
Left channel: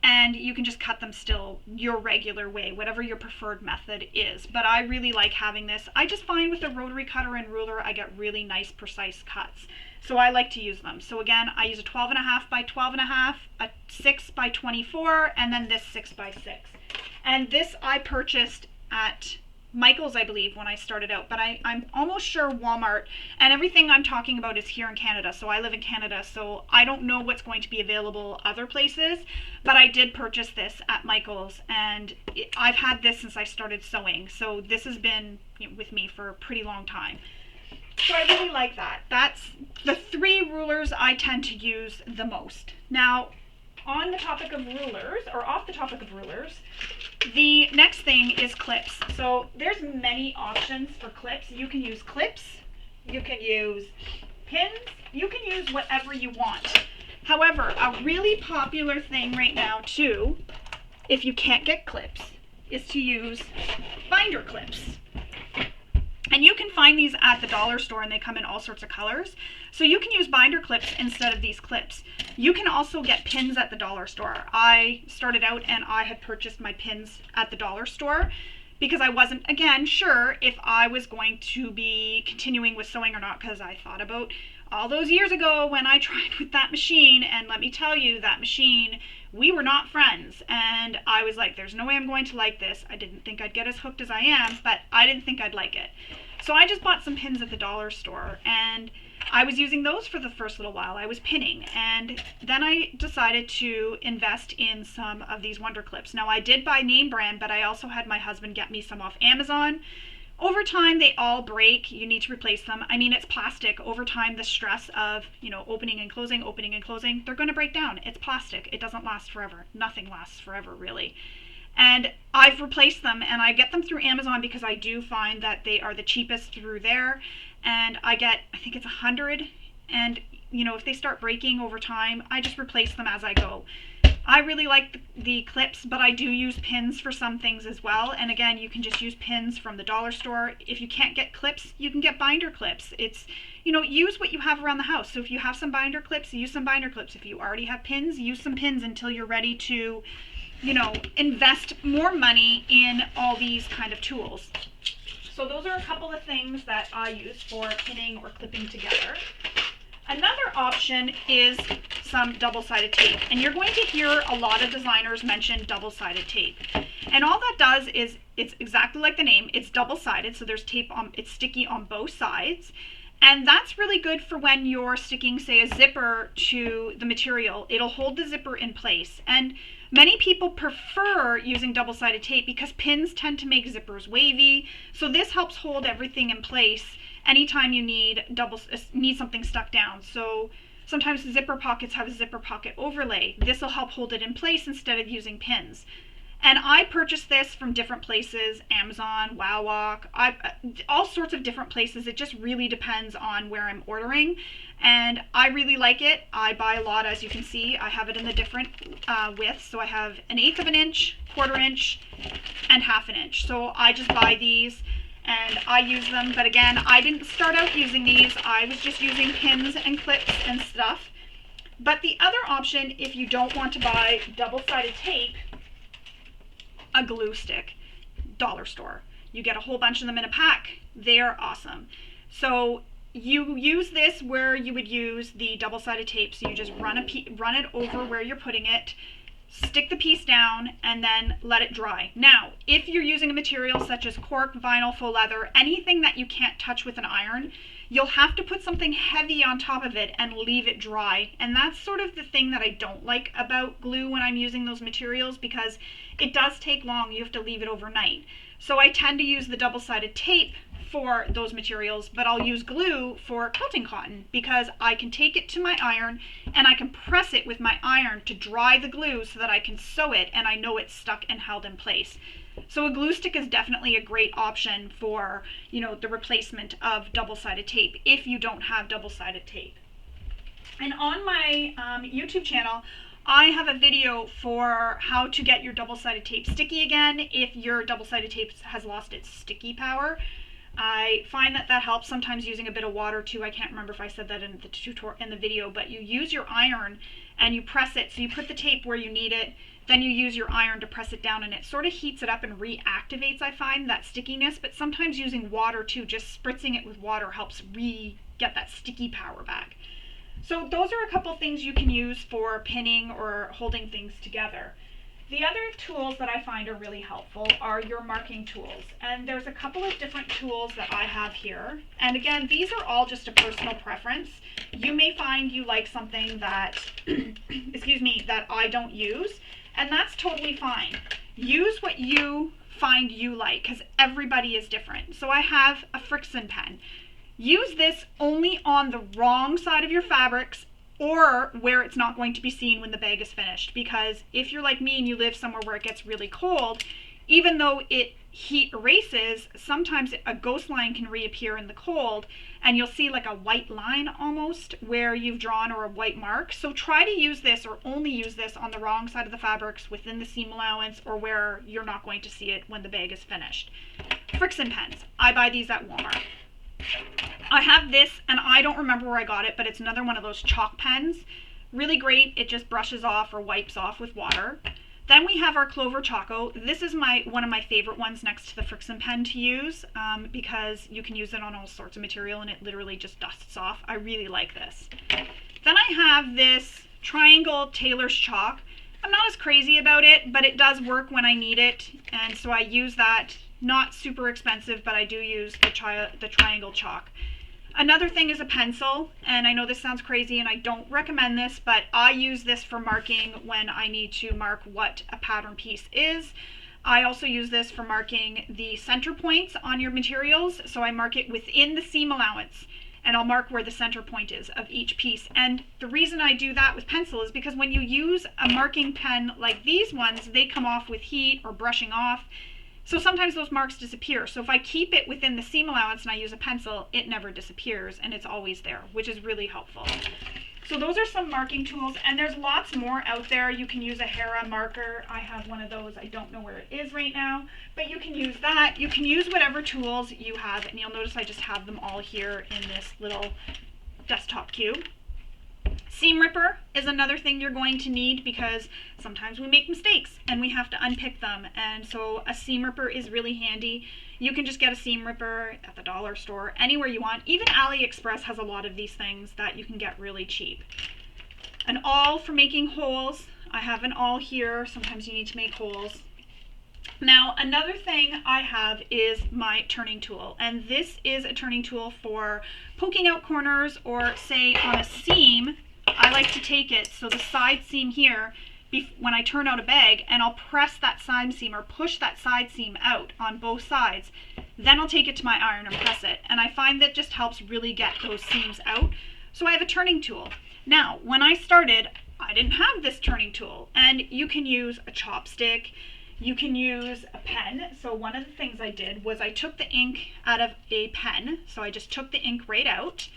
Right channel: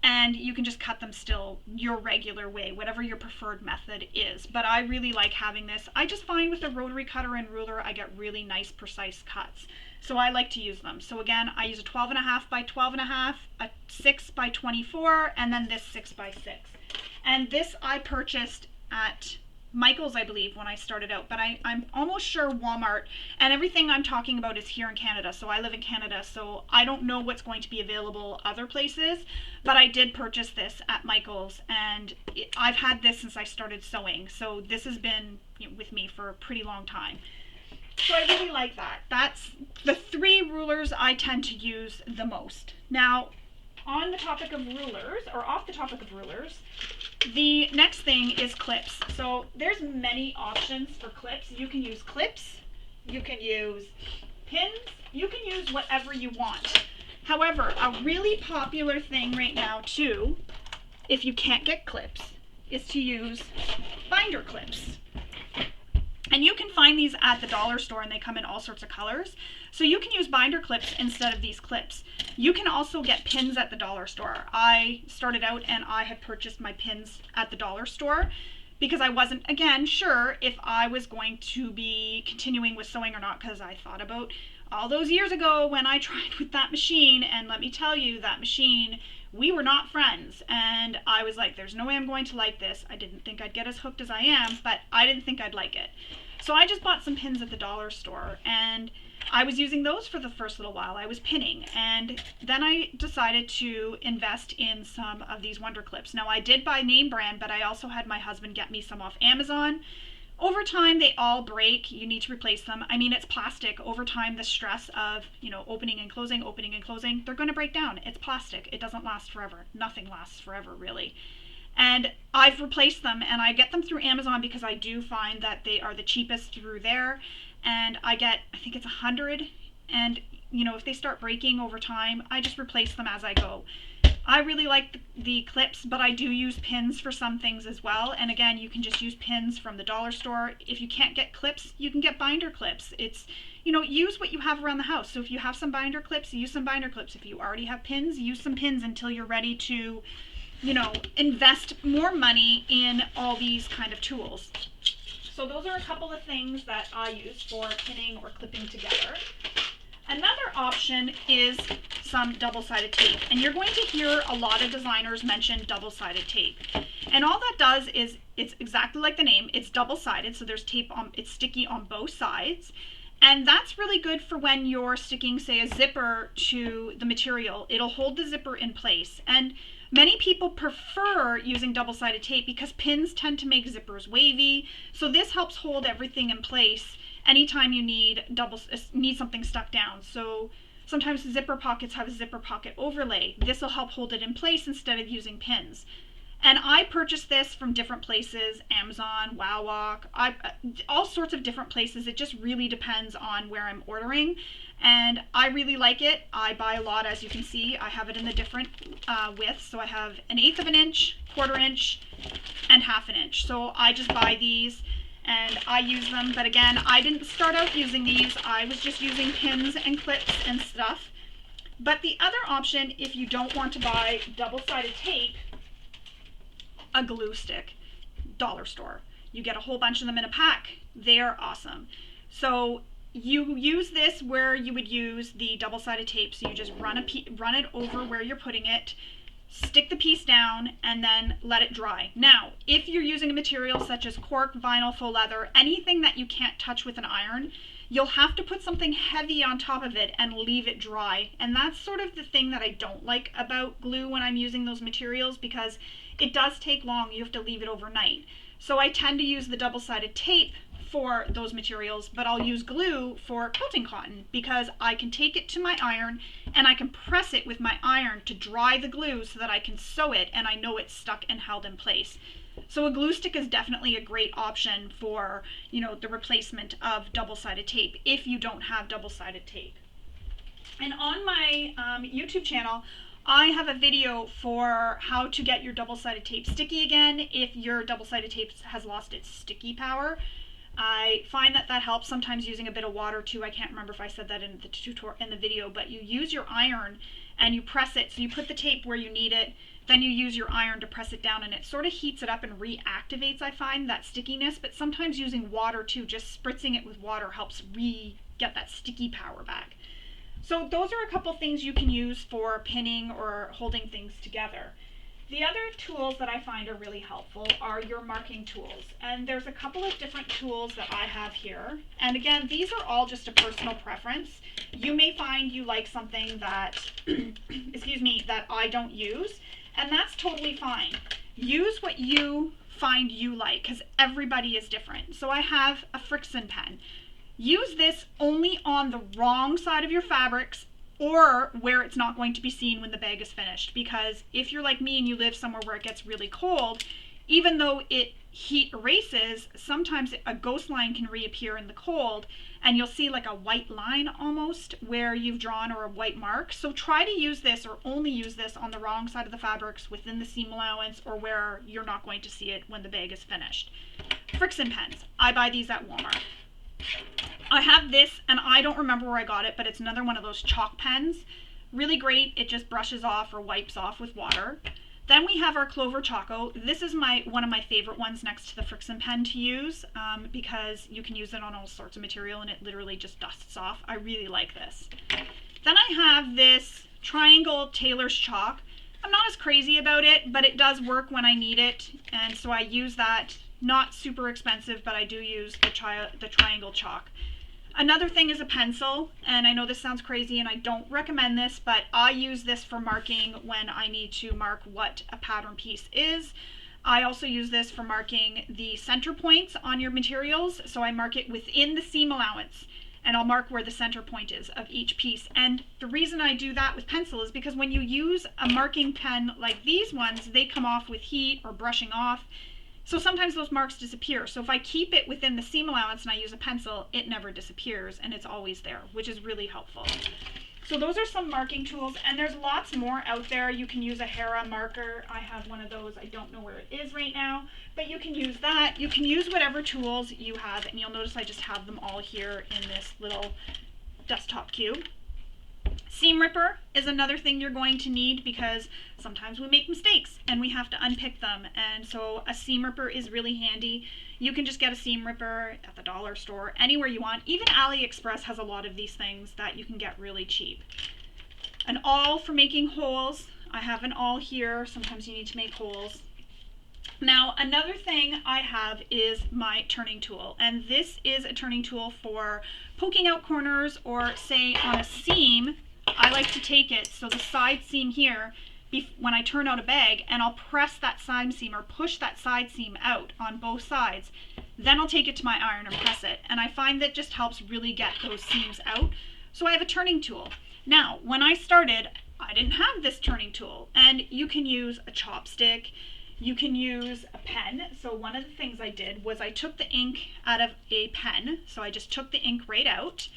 and you can just cut them still your regular way, whatever your preferred method is. But I really like having this. I just find with a rotary cutter and ruler, I get really nice, precise cuts. So I like to use them. So again, I use a 12.5 by 12.5, a 6 by 24, and then this 6 by 6. And this I purchased at Michael's, I believe, when I started out, but I'm almost sure Walmart, and everything I'm talking about is here in Canada. So I live in Canada, so I don't know what's going to be available other places, but I did purchase this at Michael's, and I've had this since I started sewing. So this has been, you know, with me for a pretty long time. So I really like that. That's the 3 rulers I tend to use the most. Now, on the topic of rulers, or off the topic of rulers, the next thing is clips. So there's many options for clips. You can use clips, you can use pins, you can use whatever you want. However, a really popular thing right now too, if you can't get clips, is to use binder clips. And you can find these at the dollar store, and they come in all sorts of colors. So you can use binder clips instead of these clips. You can also get pins at the dollar store. I started out and I had purchased my pins at the dollar store because I wasn't, again, sure if I was going to be continuing with sewing or not, because I thought about all those years ago when I tried with that machine, and let me tell you, that machine, we were not friends, and I was like, there's no way I'm going to like this. I didn't think I'd get as hooked as I am, but I didn't think I'd like it. So I just bought some pins at the dollar store, and I was using those for the first little while. I was pinning, and then I decided to invest in some of these Wonder Clips. Now, I did buy name brand, but I also had my husband get me some off Amazon. Over time, they all break. You need to replace them. I mean, it's plastic. Over time, the stress of, you know, opening and closing, they're going to break down. It's plastic. It doesn't last forever. Nothing lasts forever, really. And I've replaced them, and I get them through Amazon because I do find that they are the cheapest through there. And I get, I think it's 100. And, you know, if they start breaking over time, I just replace them as I go. I really like the clips, but I do use pins for some things as well. And again, you can just use pins from the dollar store. If you can't get clips, you can get binder clips. It's, you know, use what you have around the house. So if you have some binder clips, use some binder clips. If you already have pins, use some pins until you're ready to, you know, invest more money in all these kind of tools. So those are a couple of things that I use for pinning or clipping together. Another option is some double-sided tape, and you're going to hear a lot of designers mention double-sided tape. And all that does is, it's exactly like the name, it's double-sided, so there's tape on, it's sticky on both sides. And that's really good for when you're sticking, say, a zipper to the material. It'll hold the zipper in place. And many people prefer using double-sided tape because pins tend to make zippers wavy. So this helps hold everything in place anytime you need something stuck down. So sometimes zipper pockets have a zipper pocket overlay. This will help hold it in place instead of using pins. And I purchased this from different places, Amazon, WowWalk, all sorts of different places. It just really depends on where I'm ordering. and I really like it. I buy a lot, as you can see. I have it in the different widths. So I have 1/8 of an inch, 1/4 inch, and 1/2 an inch. So I just buy these and I use them. But again, I didn't start out using these. I was just using pins and clips and stuff. But the other option, if you don't want to buy double-sided tape, a glue stick, dollar store. You get a whole bunch of them in a pack. They're awesome. So you use this where you would use the double-sided tape. So you just run it over where you're putting it, stick the piece down, and then let it dry. Now, if you're using a material such as cork, vinyl, faux leather, anything that you can't touch with an iron, you'll have to put something heavy on top of it and leave it dry. And that's sort of the thing that I don't like about glue when I'm using those materials, because it does take long. You have to leave it overnight. So I tend to use the double-sided tape for those materials, but I'll use glue for quilting cotton because I can take it to my iron and I can press it with my iron to dry the glue so that I can sew it and I know it's stuck and held in place. So a glue stick is definitely a great option for, you know, the replacement of double-sided tape if you don't have double-sided tape. And on my YouTube channel, I have a video for how to get your double-sided tape sticky again if your double-sided tape has lost its sticky power. I find that helps sometimes using a bit of water too. I can't remember if I said that in the tutorial in the video, but you use your iron and you press it. So you put the tape where you need it, then you use your iron to press it down, and it sort of heats it up and reactivates, I find, that stickiness. But sometimes using water too, just spritzing it with water helps get that sticky power back. So those are a couple things you can use for pinning or holding things together. The other tools that I find are really helpful are your marking tools. And there's a couple of different tools that I have here. And again, these are all just a personal preference. You may find you like something that, excuse me, that I don't use, and that's totally fine. Use what you find you like, because everybody is different. So I have a Friction pen. Use this only on the wrong side of your fabrics or where it's not going to be seen when the bag is finished, because if you're like me and you live somewhere where it gets really cold, even though heat erases, sometimes a ghost line can reappear in the cold and you'll see like a white line almost where you've drawn, or a white mark. So try to use this, or only use this, on the wrong side of the fabrics within the seam allowance or where you're not going to see it when the bag is finished. Friction pens. I buy these at Walmart. I have this, and I don't remember where I got it, but it's another one of those chalk pens. Really great. It just brushes off or wipes off with water. Then we have our Clover Choco. This is one of my favorite ones next to the Friction pen to use, because you can use it on all sorts of material and it literally just dusts off. I really like this. Then I have this Triangle Tailor's Chalk. I'm not as crazy about it, but it does work when I need it, and so I use that. Not super expensive, but I do use the Triangle Chalk. Another thing is a pencil, and I know this sounds crazy and I don't recommend this, but I use this for marking when I need to mark what a pattern piece is. I also use this for marking the center points on your materials, so I mark it within the seam allowance, and I'll mark where the center point is of each piece. And the reason I do that with pencil is because when you use a marking pen like these ones, they come off with heat or brushing off. So sometimes those marks disappear. So if I keep it within the seam allowance and I use a pencil, it never disappears and it's always there, which is really helpful. So those are some marking tools, and there's lots more out there. You can use a Hera marker. I have one of those. I don't know where it is right now, but you can use that. You can use whatever tools you have, and you'll notice I just have them all here in this little desktop cube. Seam ripper is another thing you're going to need, because sometimes we make mistakes and we have to unpick them, and so a seam ripper is really handy. You can just get a seam ripper at the dollar store, anywhere you want. Even AliExpress has a lot of these things that you can get really cheap. An awl for making holes. I have an awl here. Sometimes you need to make holes. Now, another thing I have is my turning tool, and this is a turning tool for poking out corners, or say on a seam. I like to take it, so the side seam here, when I turn out a bag, and I'll press that side seam or push that side seam out on both sides. Then I'll take it to my iron and press it, and I find that just helps really get those seams out. So I have a turning tool. Now, when I started, I didn't have this turning tool, and you can use a chopstick, you can use a pen. So one of the things I did was I took the ink out of a pen, so I just took the ink right out,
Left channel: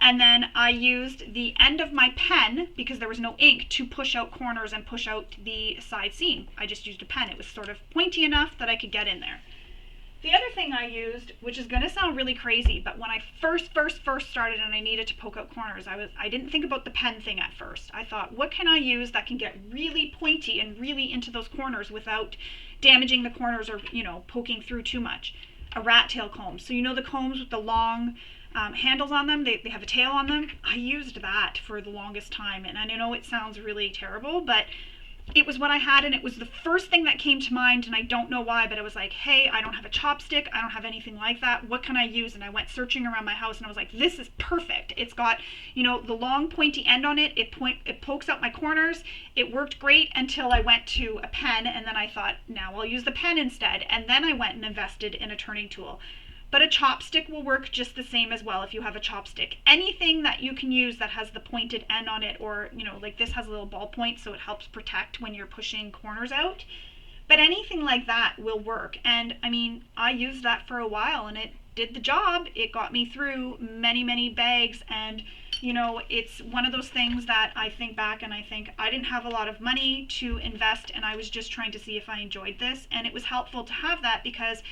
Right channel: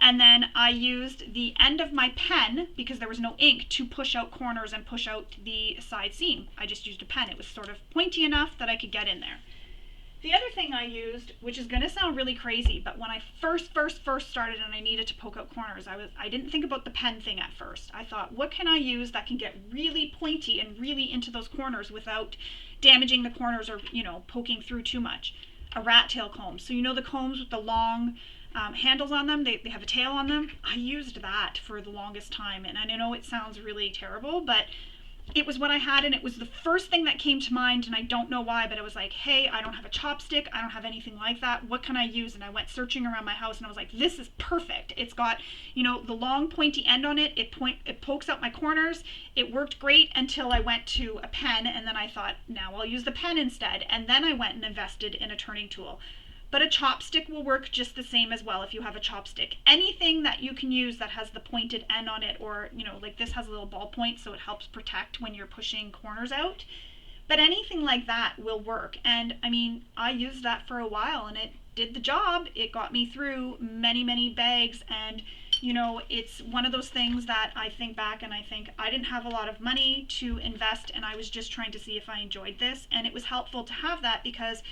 And then I used the end of my pen, because there was no ink, to push out corners and push out the side seam. I just used a pen. It was sort of pointy enough that I could get in there. The other thing I used, which is going to sound really crazy, but when I first started and I needed to poke out corners, I didn't think about the pen thing at first. I thought, what can I use that can get really pointy and really into those corners without damaging the corners or, you know, poking through too much? A rat tail comb. So you know the combs with the long handles on them, they have a tail on them. I used that for the longest time, and I know it sounds really terrible, but it was what I had, and it was the first thing that came to mind, and I don't know why, but I was like, hey, I don't have a chopstick, I don't have anything like that, what can I use? And I went searching around my house, and I was like, this is perfect. It's got, you know, the long pointy end on it, it pokes out my corners. It worked great until I went to a pen, and then I thought, now I'll use the pen instead, and then I went and invested in a turning tool. But a chopstick will work just the same as well if you have a chopstick. Anything that you can use that has the pointed end on it, or, you know, like this has a little ball point, so it helps protect when you're pushing corners out. But anything like that will work. And I mean, I used that for a while and it did the job. It got me through many bags, and you know, it's one of those things that I think back and I think I didn't have a lot of money to invest, and I was just trying to see if I enjoyed this, and it was helpful to have that because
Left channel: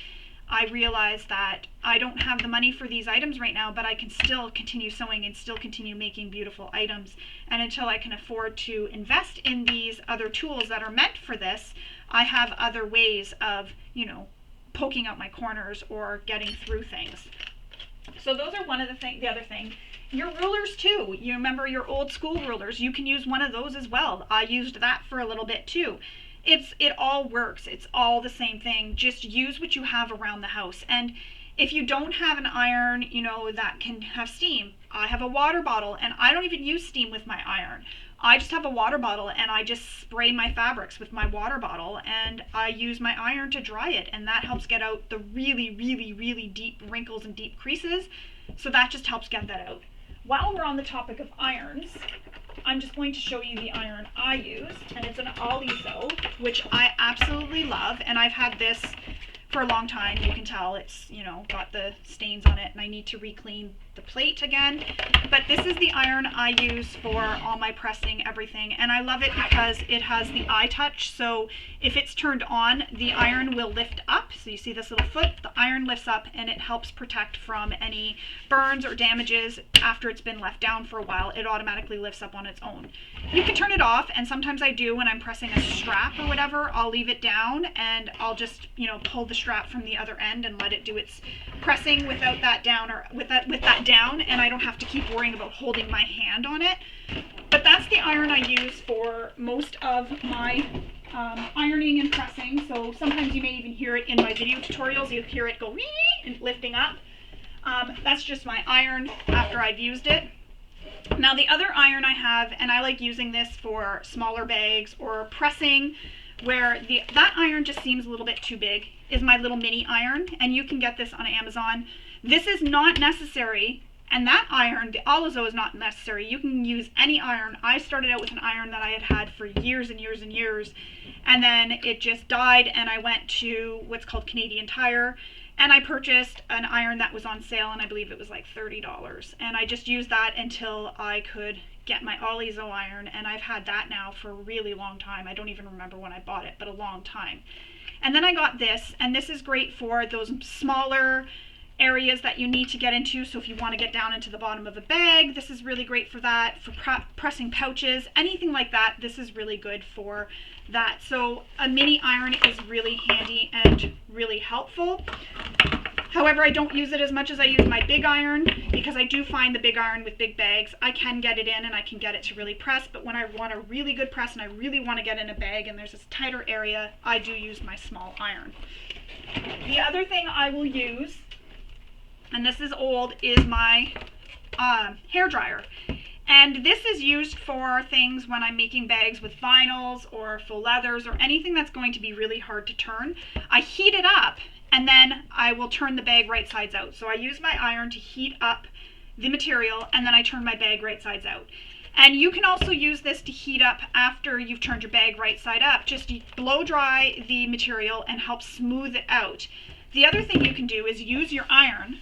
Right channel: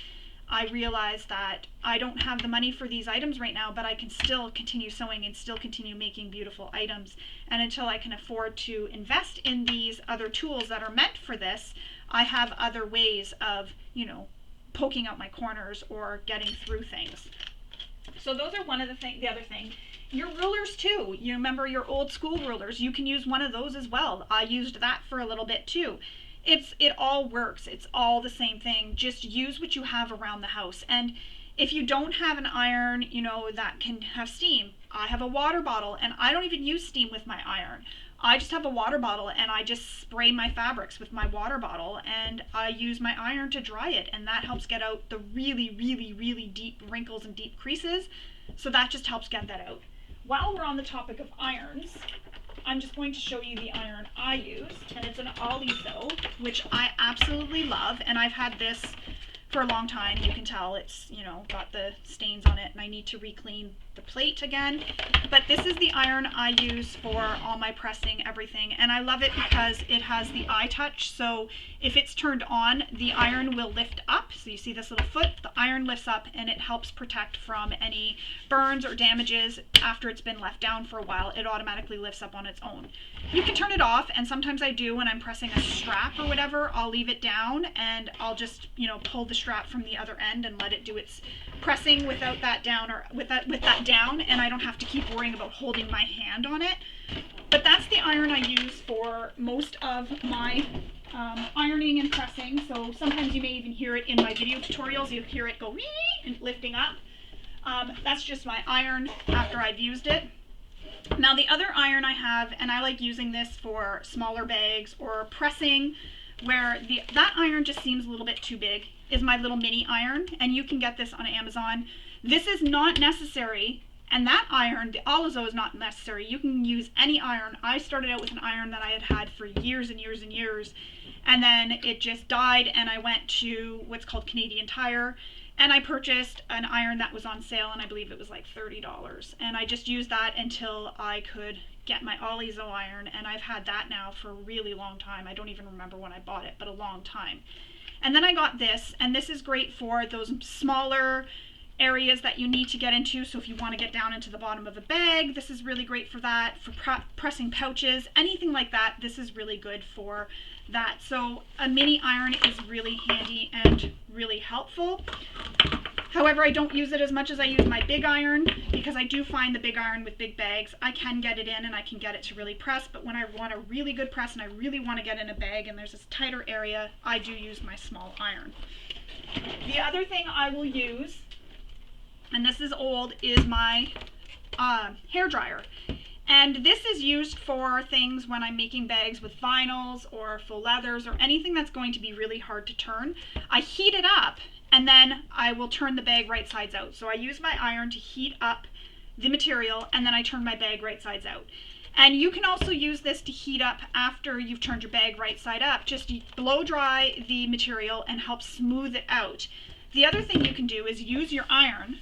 I realized that I don't have the money for these items right now, but I can still continue sewing and still continue making beautiful items. And until I can afford to invest in these other tools that are meant for this, I have other ways of, you know, poking out my corners or getting through things. So those are one of the other thing. Your rulers too. You remember your old school rulers? You can use one of those as well. I used that for a little bit too. It all works. It's all the same thing. Just use what you have around the house. And if you don't have an iron, you know, that can have steam, I have a water bottle, and I don't even use steam with my iron. I just have a water bottle, and I just spray my fabrics with my water bottle, and I use my iron to dry it, and that helps get out the really deep wrinkles and deep creases. So that just helps get that out. While we're on the topic of irons, I'm just going to show you the iron I use, and it's an Oliso, which I absolutely love, and I've had this for a long time. You can tell it's, you know, got the stains on it, and I need to re-clean the plate again. But this is the iron I use for all my pressing, everything, and I love it because it has the eye touch. So if it's turned on, the iron will lift up. So you see this little foot, the iron lifts up, and it helps protect from any burns or damages after it's been left down for a while. It automatically lifts up on its own. You can turn it off, and sometimes I do when I'm pressing a strap or whatever. I'll leave it down, and I'll just, you know, pull the strap from the other end and let it do its pressing without that down, or with that down, and I don't have to keep worrying about holding my hand on it. But that's the iron I use for most of my ironing and pressing. So sometimes you may even hear it in my video tutorials. You hear it go wee and lifting up. That's just my iron after I've used it. Now the other iron I have, and I like using this for smaller bags or pressing where that iron just seems a little bit too big, is my little mini iron, and you can get this on Amazon. This is not necessary, and that iron, the Oliso, is not necessary. You can use any iron. I started out with an iron that I had had for years and years and years, and then it just died, and I went to what's called Canadian Tire, and I purchased an iron that was on sale, and I believe it was like $30, and I just used that until I could get my Oliso iron, and I've had that now for a really long time. I don't even remember when I bought it, but a long time. And then I got this, and this is great for those smaller areas that you need to get into. So if you want to get down into the bottom of a bag, this is really great for that. For pressing pouches, anything like that, this is really good for that. So a mini iron is really handy and really helpful. However, I don't use it as much as I use my big iron, because I do find the big iron with big bags, I can get it in and I can get it to really press, but when I want a really good press and I really want to get in a bag and there's this tighter area, I do use my small iron. The other thing I will use, and this is old, is my hair dryer. And this is used for things when I'm making bags with vinyls or faux leathers or anything that's going to be really hard to turn. I heat it up, and then I will turn the bag right sides out. So I use my iron to heat up the material, and then I turn my bag right sides out. And you can also use this to heat up after you've turned your bag right side up. Just blow dry the material and help smooth it out. The other thing you can do is use your iron,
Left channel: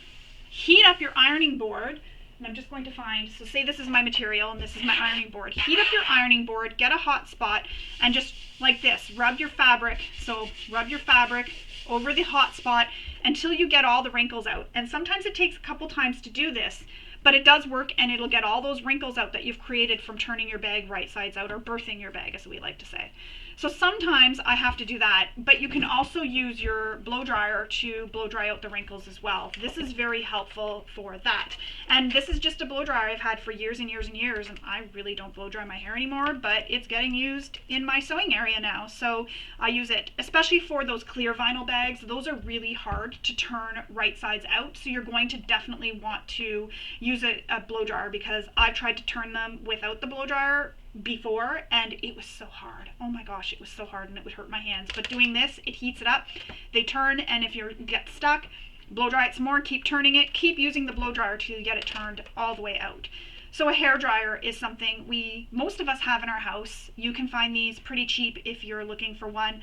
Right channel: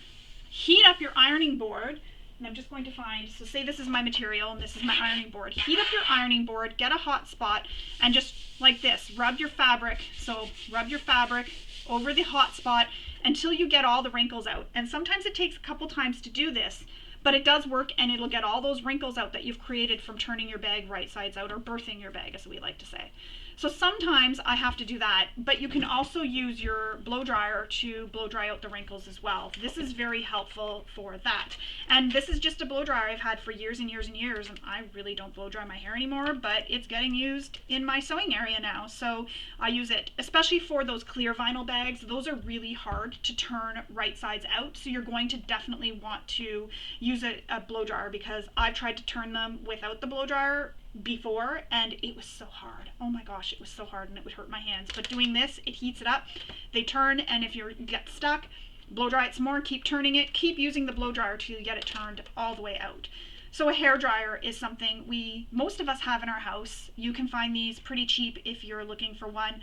heat up your ironing board, and I'm just going to find, so say this is my material and this is my ironing board. Heat up your ironing board, get a hot spot, and just like this, rub your fabric. So rub your fabric over the hot spot until you get all the wrinkles out. And sometimes it takes a couple times to do this, but it does work, and it'll get all those wrinkles out that you've created from turning your bag right sides out, or birthing your bag, as we like to say. So sometimes I have to do that, but you can also use your blow dryer to blow dry out the wrinkles as well. This is very helpful for that. And this is just a blow dryer I've had for years and years and years, and I really don't blow dry my hair anymore, but it's getting used in my sewing area now, so I use it, especially for those clear vinyl bags. Those are really hard to turn right sides out, so you're going to definitely want to use a blow dryer, because I've tried to turn them without the blow dryer before, and it was so hard. Oh my gosh, it was so hard, and it would hurt my hands. But doing this, it heats it up, they turn, and if you get stuck, blow dry it some more, keep turning it, keep using the blow dryer to get it turned all the way out. So a hair dryer is something most of us have in our house. You can find these pretty cheap if you're looking for one,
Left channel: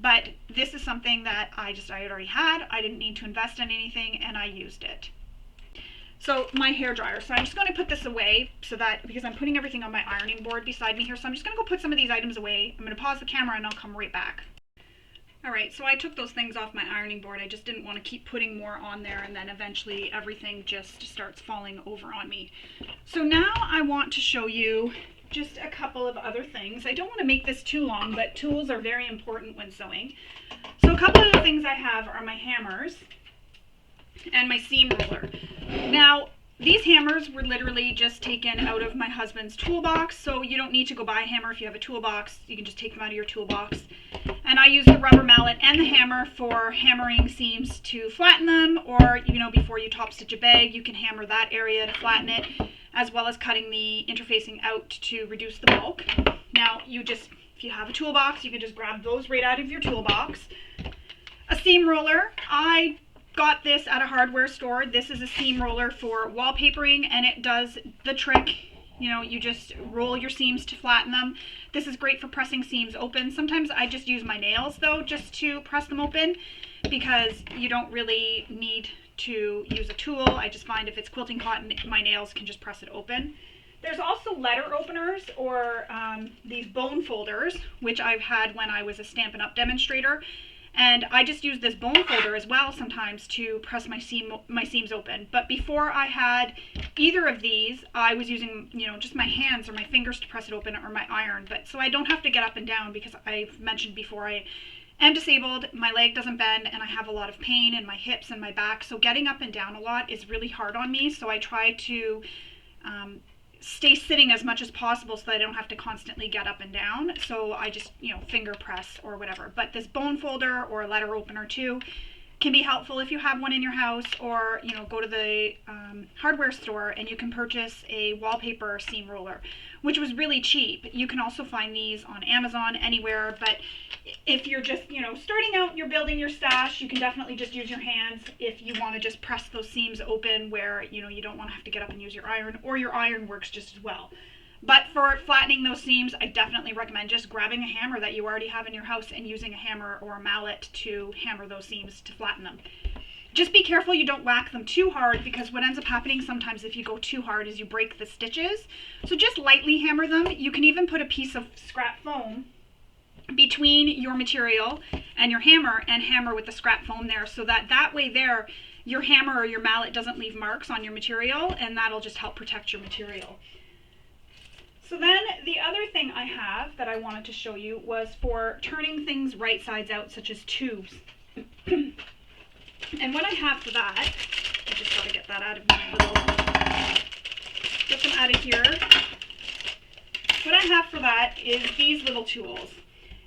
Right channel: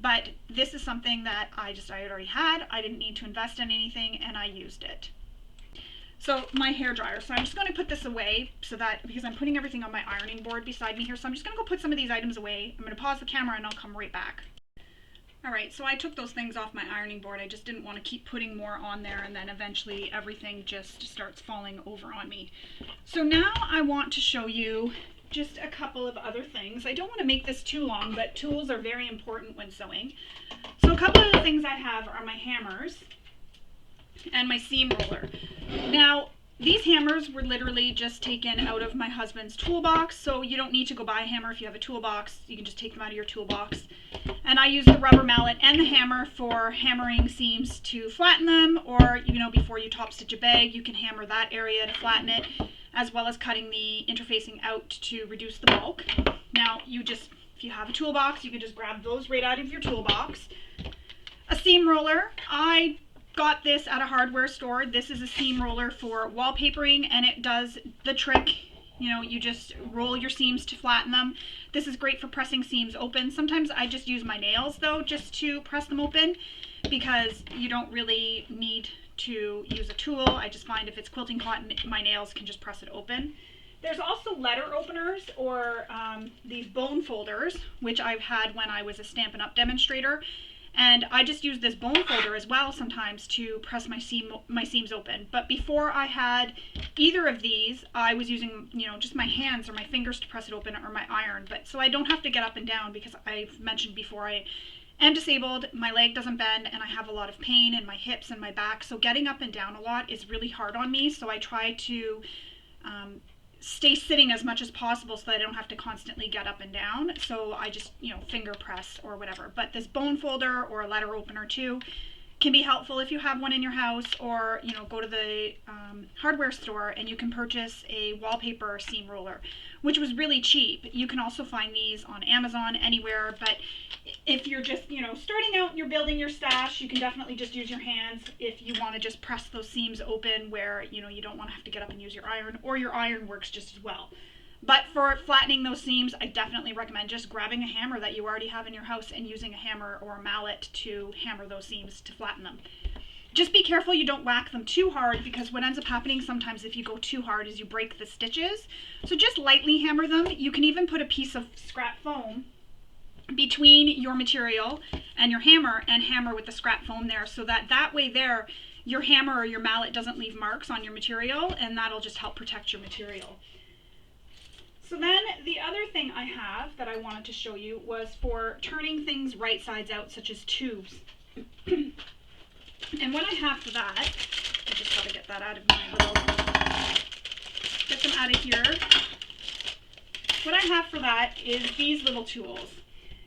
but this is something that I already had. I didn't need to invest in anything, and I used it. So my hair dryer, so I'm just going to put this away because I'm putting everything on my ironing board beside me here, so I'm just going to go put some of these items away. I'm going to pause the camera and I'll come right back. Alright, so I took those things off my ironing board. I just didn't want to keep putting more on there, and then eventually everything just starts falling over on me. So now I want to show you just a couple of other things. I don't want to make this too long, but tools are very important when sewing. So a couple of the things I have are my hammers and my seam roller. Now, these hammers were literally just taken out of my husband's toolbox, so you don't need to go buy a hammer if you have a toolbox. You can just take them out of your toolbox. And I use the rubber mallet and the hammer for hammering seams to flatten them, or before you top stitch a bag, you can hammer that area to flatten it, as well as cutting the interfacing out to reduce the bulk. Now, if you have a toolbox, you can just grab those right out of your toolbox. A seam roller, I got this at a hardware store. This is a seam roller for wallpapering, and it does the trick. You just roll your seams to flatten them. This is great for pressing seams open. Sometimes I just use my nails though, just to press them open, because you don't really need to use a tool. I just find if it's quilting cotton, my nails can just press it open. There's also letter openers, or these bone folders, which I've had when I was a Stampin' Up! Demonstrator. And I just use this bone folder as well sometimes to press my seams open. But before I had either of these, I was using, just my hands or my fingers to press it open, or my iron. But so I don't have to get up and down, because I've mentioned before I am disabled, my leg doesn't bend, and I have a lot of pain in my hips and my back. So getting up and down a lot is really hard on me. So I try to stay sitting as much as possible so that I don't have to constantly get up and down. So I just, finger press or whatever. But this bone folder or a letter opener too can be helpful if you have one in your house, or, go to the hardware store and you can purchase a wallpaper seam roller, which was really cheap. You can also find these on Amazon, anywhere, but if you're just, starting out, you're building your stash, you can definitely just use your hands if you want to just press those seams open where, you don't want to have to get up and use your iron, or your iron works just as well. But for flattening those seams, I definitely recommend just grabbing a hammer that you already have in your house and using a hammer or a mallet to hammer those seams to flatten them. Just be careful you don't whack them too hard, because what ends up happening sometimes if you go too hard is you break the stitches. So just lightly hammer them. You can even put a piece of scrap foam between your material and your hammer, and hammer with the scrap foam there, so that way there, your hammer or your mallet doesn't leave marks on your material, and that'll just help protect your material. So then the other thing I have that I wanted to show you was for turning things right sides out, such as tubes. And what I have for that, I just got to get that out of my get them out of here. What I have for that is these little tools.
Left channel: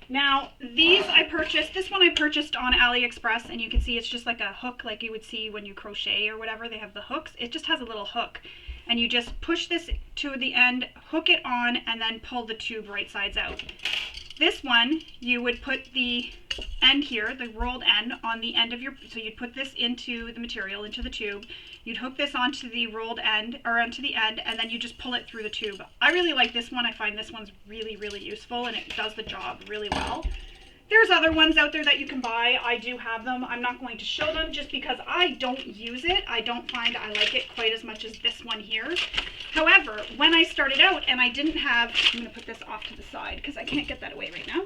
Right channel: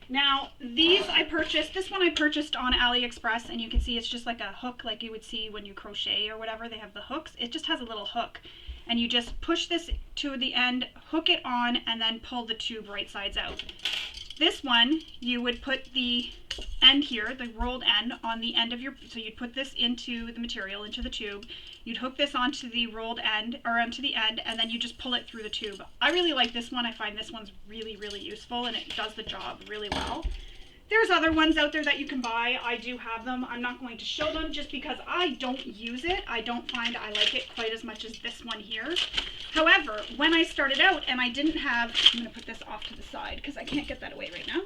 Now, this one I purchased on AliExpress, and you can see it's just like a hook, like you would see when you crochet or whatever. They have the hooks. It just has a little hook, and you just push this to the end, hook it on, and then pull the tube right sides out. This one, you would put the end here, the rolled end, on the end of so you'd put this into the material, into the tube. You'd hook this onto the rolled end, or onto the end, and then you just pull it through the tube. I really like this one. I find this one's really, really useful, and it does the job really well. There's other ones out there that you can buy. I do have them. I'm not going to show them just because I don't use it. I don't find I like it quite as much as this one here. However, when I started out and I didn't have, I'm going to put this off to the side because I can't get that away right now.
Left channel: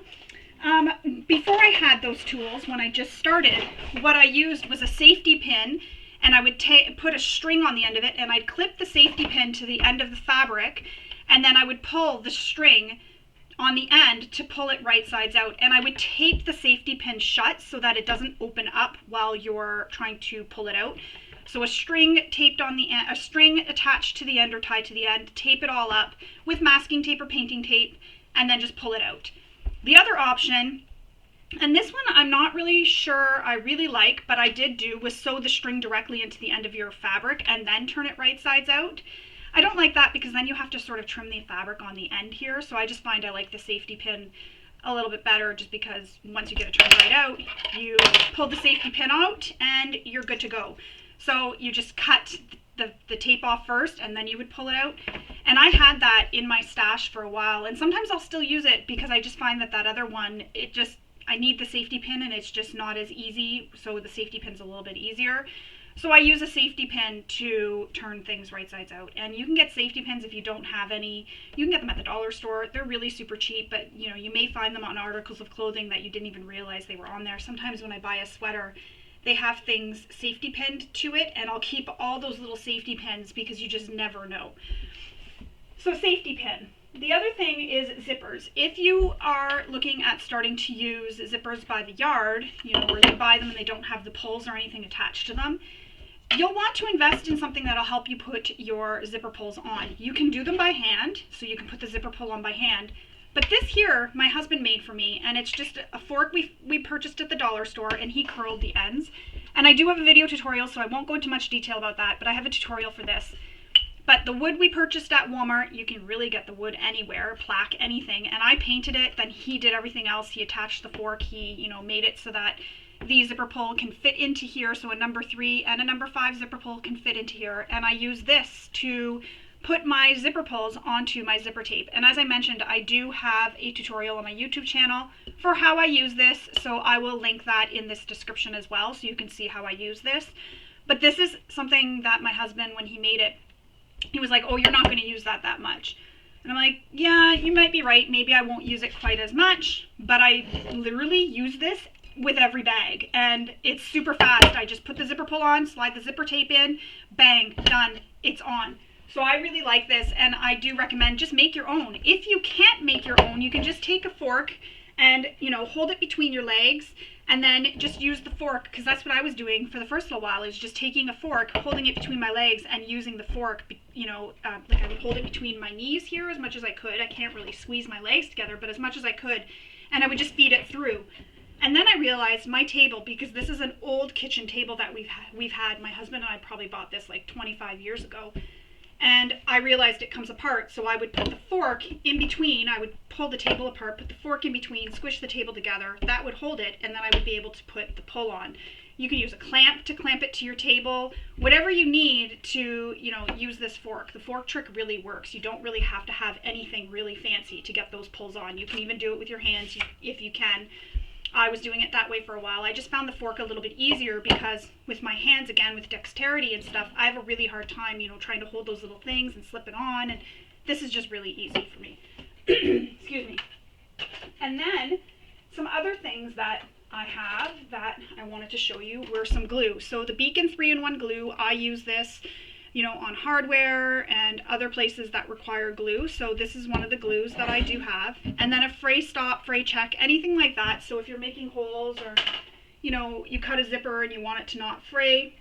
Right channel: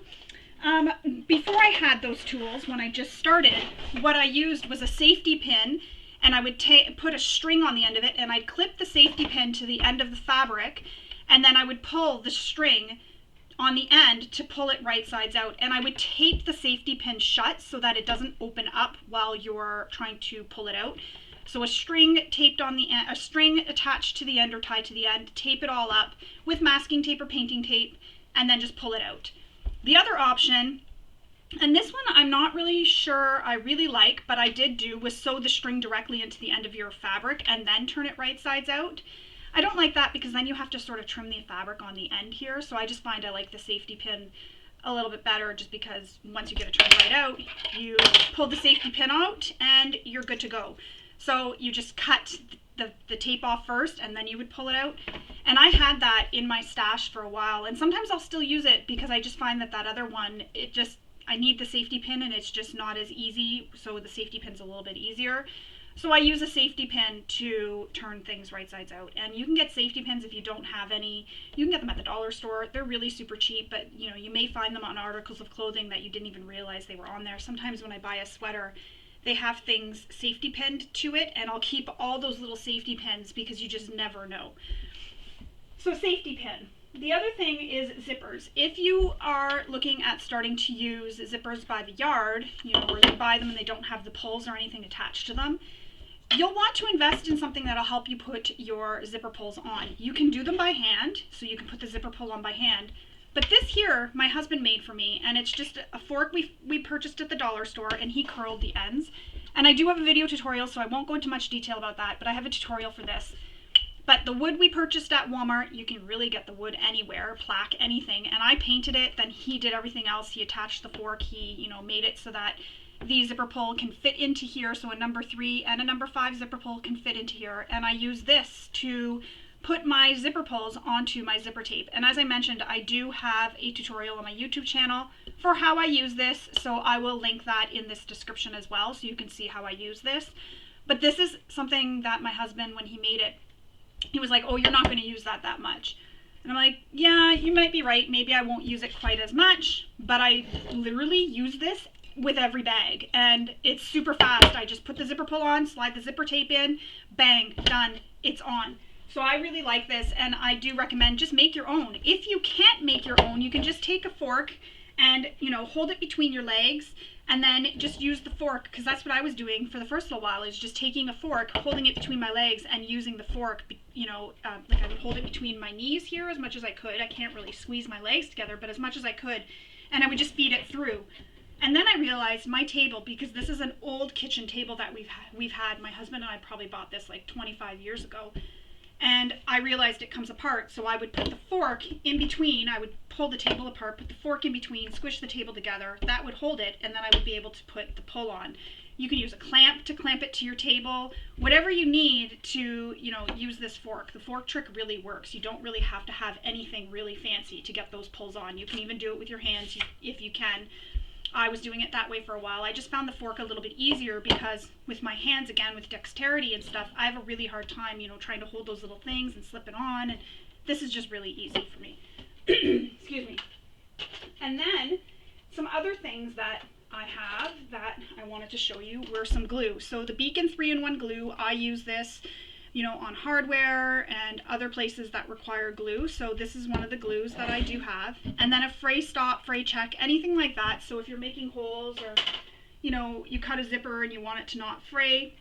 Before I had those tools, when I just started, what I used was a safety pin, and I would put a string on the end of it, and I'd clip the safety pin to the end of the fabric, and then I would pull the string on the end to pull it right sides out, and I would tape the safety pin shut so that it doesn't open up while you're trying to pull it out. So a string taped on the end, a string attached to the end or tied to the end, tape it all up with masking tape or painting tape, and then just pull it out. The other option, and this one I'm not really sure I really like, but I did do, was sew the string directly into the end of your fabric and then turn it right sides out. I don't like that because then you have to sort of trim the fabric on the end here, so I just find I like the safety pin a little bit better, just because once you get it turned right out, you pull the safety pin out and you're good to go. So you just cut the tape off first and then you would pull it out. And I had that in my stash for a while, and sometimes I'll still use it because I just find that other one, I need the safety pin and it's just not as easy, so the safety pin's a little bit easier. So I use a safety pin to turn things right sides out. And you can get safety pins if you don't have any. You can get them at the dollar store. They're really super cheap, but you may find them on articles of clothing that you didn't even realize they were on there. Sometimes when I buy a sweater, they have things safety pinned to it, and I'll keep all those little safety pins because you just never know. So safety pin. The other thing is zippers. If you are looking at starting to use zippers by the yard, where you buy them and they don't have the pulls or anything attached to them, you'll want to invest in something that'll help you put your zipper pulls on. You can do them by hand, so you can put the zipper pull on by hand. But this here, my husband made for me, and it's just a fork we purchased at the dollar store, and he curled the ends. And I do have a video tutorial, so I won't go into much detail about that, but I have a tutorial for this. But the wood we purchased at Walmart, you can really get the wood anywhere, plaque, anything. And I painted it, then he did everything else. He attached the fork, he, made it so that the zipper pull can fit into here, so a number 3 and a number 5 zipper pull can fit into here, and I use this to put my zipper pulls onto my zipper tape. And as I mentioned, I do have a tutorial on my YouTube channel for how I use this, so I will link that in this description as well, so you can see how I use this. But this is something that my husband, when he made it, he was like, oh, you're not going to use that much. And I'm like, yeah, you might be right, maybe I won't use it quite as much, but I literally use this with every bag, and it's super fast. I just put the zipper pull on, slide the zipper tape in, bang, done, it's on. So I really like this, and I do recommend just make your own. If you can't make your own, you can just take a fork and hold it between your legs, and then just use the fork, because that's what I was doing for the first little while, is just taking a fork, holding it between my legs, and using the fork, like I would hold it between my knees here as much as I could. I can't really squeeze my legs together, but as much as I could, and I would just feed it through. And then I realized my table, because this is an old kitchen table that we've had, my husband and I probably bought this like 25 years ago, and I realized it comes apart, so I would put the fork in between. I would pull the table apart, put the fork in between, squish the table together, that would hold it, and then I would be able to put the pull on. You can use a clamp to clamp it to your table, whatever you need to, use this fork. The fork trick really works. You don't really have to have anything really fancy to get those pulls on. You can even do it with your hands if you can. I was doing it that way for a while. I just found the fork a little bit easier because with my hands, again, with dexterity and stuff, I have a really hard time, trying to hold those little things and slip it on, and this is just really easy for me. Excuse me. And then some other things that I have that I wanted to show you were some glue. So the Beacon 3-in-1 glue, I use this on hardware and other places that require glue. So this is one of the glues that I do have. And then a fray stop, fray check, anything like that. So if you're making holes or, you cut a zipper and you want it to not fray.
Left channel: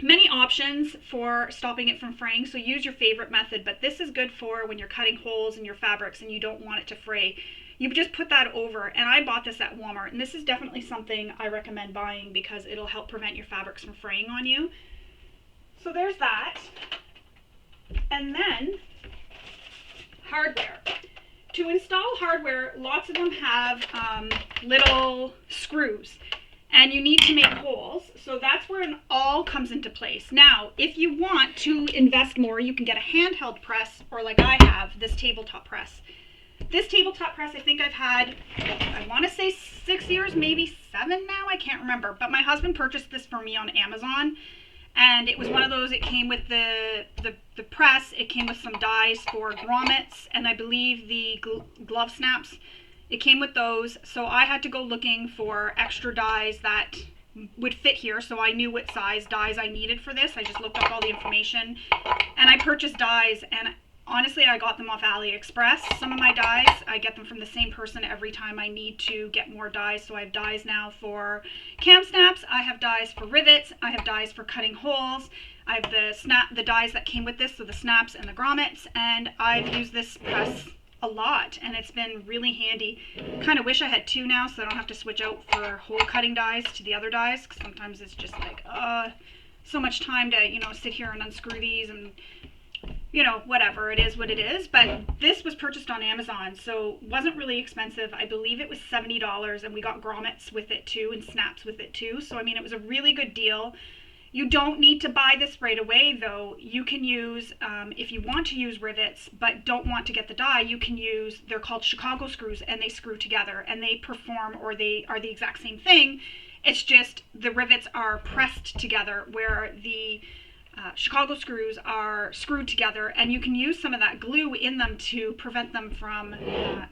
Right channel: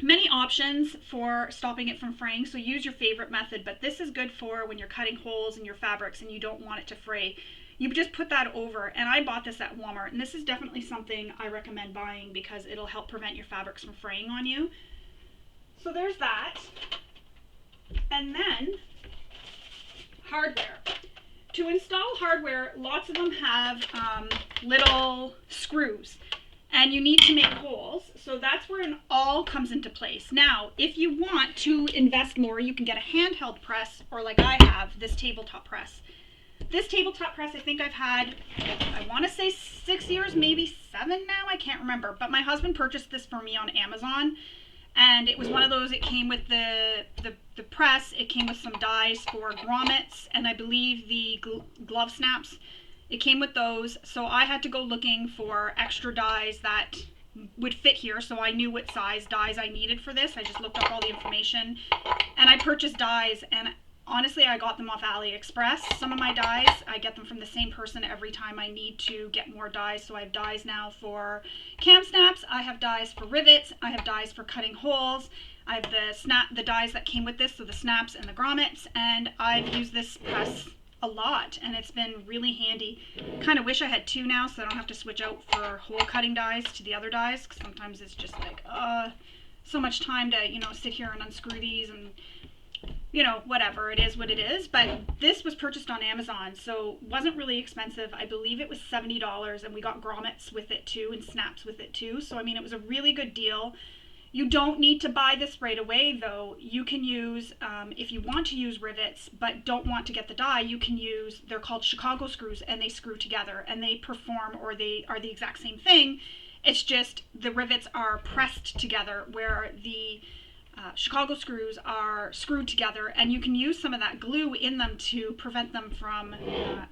Many options for stopping it from fraying, so use your favorite method, but this is good for when you're cutting holes in your fabrics and you don't want it to fray. You just put that over, and I bought this at Walmart, and this is definitely something I recommend buying because it'll help prevent your fabrics from fraying on you. So there's that. And then hardware. To install hardware, lots of them have little screws, and you need to make holes. So that's where it all comes into place. Now, if you want to invest more, you can get a handheld press, or like I have, this tabletop press. This tabletop press, I think I've had, I want to say 6 years, maybe 7 now, I can't remember. But my husband purchased this for me on Amazon, and it was one of those, it came with the press, it came with some dies for grommets, and I believe the glove snaps. It came with those, so I had to go looking for extra dies that would fit here, so I knew what size dies I needed for this. I just looked up all the information, and I purchased dies, and honestly, I got them off AliExpress. Some of my dies, I get them from the same person every time I need to get more dies. So I have dies now for cam snaps, I have dies for rivets, I have dies for cutting holes, I have the dies that came with this, so the snaps and the grommets, and I've used this press a lot, and it's been really handy. Kind of wish I had 2 now, so I don't have to switch out for hole cutting dies to the other dies, because sometimes it's just like, so much time to, you know, sit here and unscrew these and, you know, whatever, it is what it is. But this was purchased on Amazon, so wasn't really expensive. I believe it was $70, and we got grommets with it too and snaps with it too. So I mean, it was a really good deal. You don't need to buy this right away though. You can use, if you want to use rivets but don't want to get the die, you can use, they're called Chicago screws, and they screw together and they perform, or they are the exact same thing. It's just the rivets are pressed together, where the Chicago screws are screwed together, and you can use some of that glue in them to prevent them from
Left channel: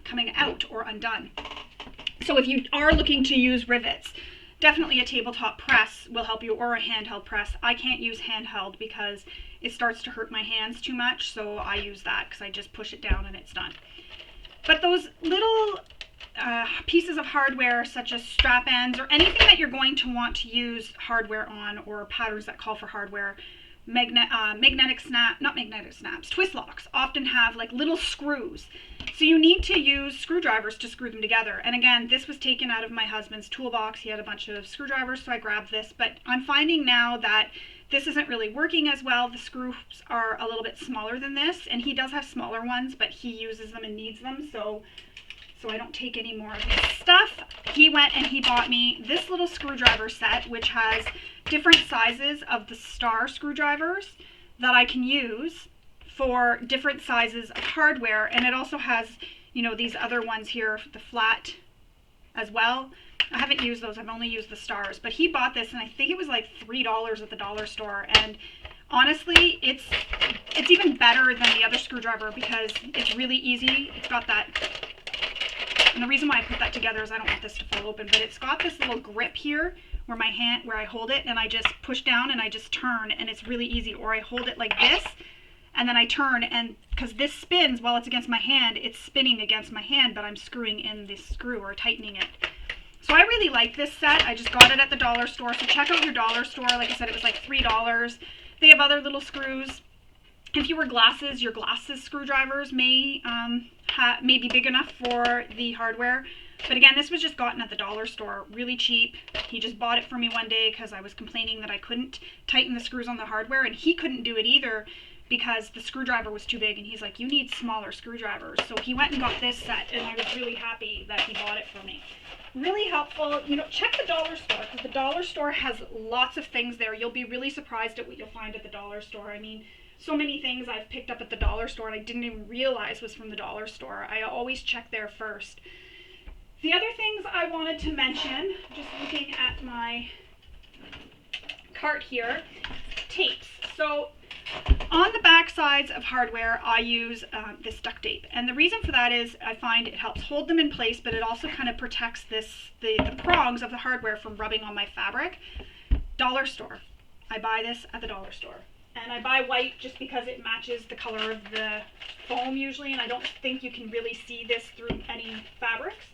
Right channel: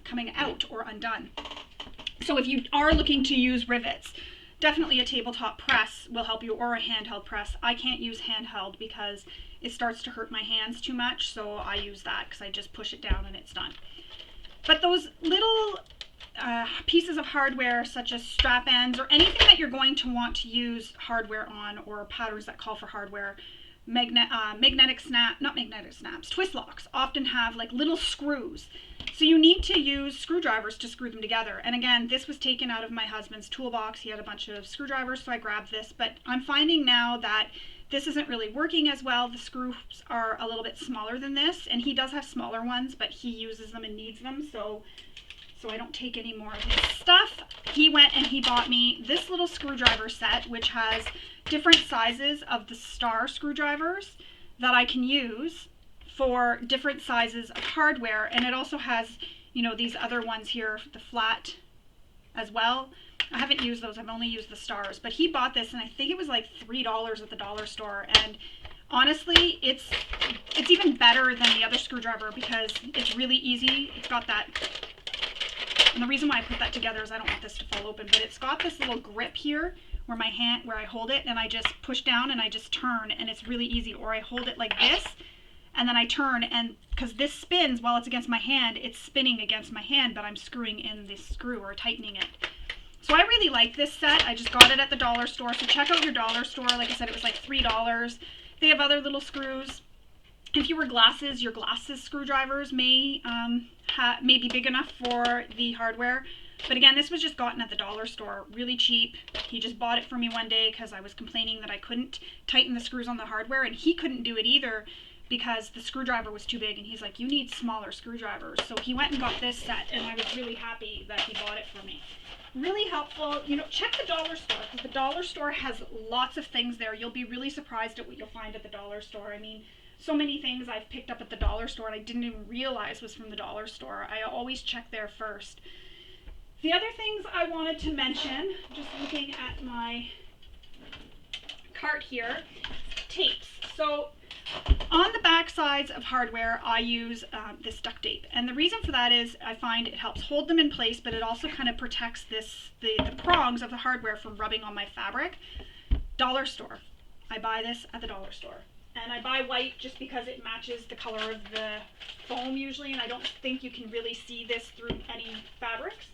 coming out or undone. So if you are looking to use rivets, definitely a tabletop press will help you, or a handheld press. I can't use handheld because it starts to hurt my hands too much, so I use that because I just push it down and it's done. But those little pieces of hardware, such as strap ends or anything that you're going to want to use hardware on, or patterns that call for hardware, twist locks often have like little screws. So you need to use screwdrivers to screw them together. And again, this was taken out of my husband's toolbox. He had a bunch of screwdrivers, so I grabbed this. But I'm finding now that this isn't really working as well. The screws are a little bit smaller than this, and he does have smaller ones, but he uses them and needs them, so I don't take any more of his stuff. He went and he bought me this little screwdriver set, which has different sizes of the star screwdrivers that I can use for different sizes of hardware. And it also has, you know, these other ones here, the flat as well. I haven't used those, I've only used the stars. But he bought this, and I think it was like $3 at the dollar store. And honestly, it's even better than the other screwdriver because it's really easy. It's got that, and the reason why I put that together is I don't want this to fall open, but it's got this little grip here where I hold it, and I just push down and I just turn, and it's really easy. Or I hold it like this, and then I turn, and because this spins while it's against my hand, it's spinning against my hand, but I'm screwing in this screw or tightening it. So I really like this set. I just got it at the dollar store, so check out your dollar store. Like I said, it was like $3. They have other little screws. If you wear glasses, your glasses screwdrivers may be big enough for the hardware. But again, this was just gotten at the dollar store, really cheap. He just bought it for me one day because I was complaining that I couldn't tighten the screws on the hardware, and he couldn't do it either because the screwdriver was too big, and he's like, you need smaller screwdrivers. So he went and got this set, and I was really happy that he bought it for me. Really helpful. You know, check the dollar store, because the dollar store has lots of things there. You'll be really surprised at what you'll find at the dollar store. I mean, so many things I've picked up at the dollar store and I didn't even realize was from the dollar store. I always check there first. The other things I wanted to mention, just looking at my cart here, tapes. So on the back sides of hardware, I use this duct tape. And the reason for that is I find it helps hold them in place, but it also kind of protects the prongs of the hardware from rubbing on my fabric. Dollar store. I buy this at the dollar store. And I buy white just because it matches the color of the foam usually, and I don't think you can really see this through any fabrics.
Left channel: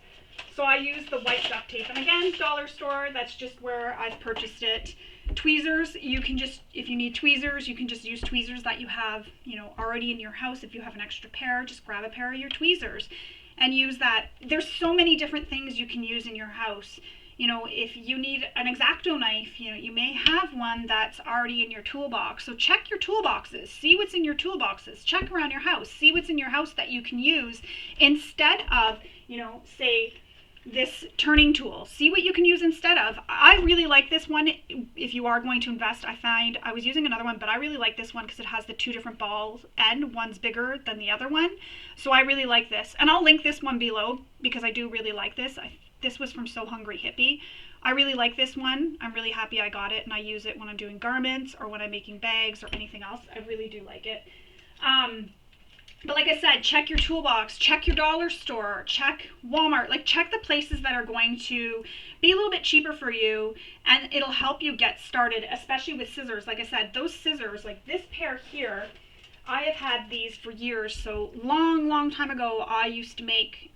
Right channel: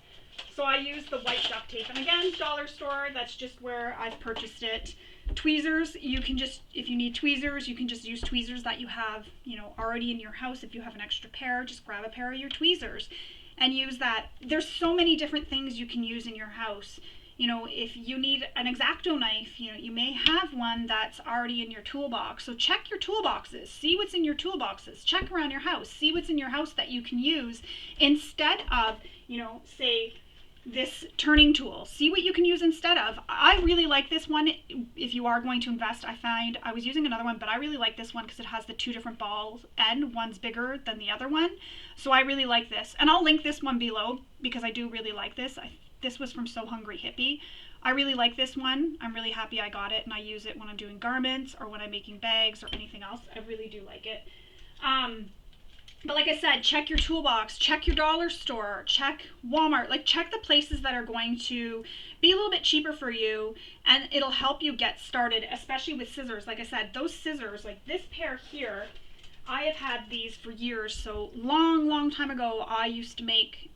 So I use the white duct tape. And again, dollar store, that's just where I've purchased it. Tweezers, you can just, if you need tweezers, you can just use tweezers that you have, you know, already in your house. If you have an extra pair, just grab a pair of your tweezers and use that. There's so many different things you can use in your house. You know, if you need an X-Acto knife, you know, you may have one that's already in your toolbox. So check your toolboxes, see what's in your toolboxes, check around your house, see what's in your house that you can use instead of, you know, say this turning tool. See what you can use instead of. I really like this one. If you are going to invest, I was using another one, but I really like this one because it has the two different balls and one's bigger than the other one. So I really like this. And I'll link this one below because I do really like this. This was from So Hungry Hippie. I really like this one. I'm really happy I got it, and I use it when I'm doing garments or when I'm making bags or anything else. I really do like it. But like I said, check your toolbox, check your dollar store, check Walmart, like check the places that are going to be a little bit cheaper for you, and it'll help you get started, especially with scissors. Like I said, those scissors, like this pair here, I have had these for years. So long time ago, I used to make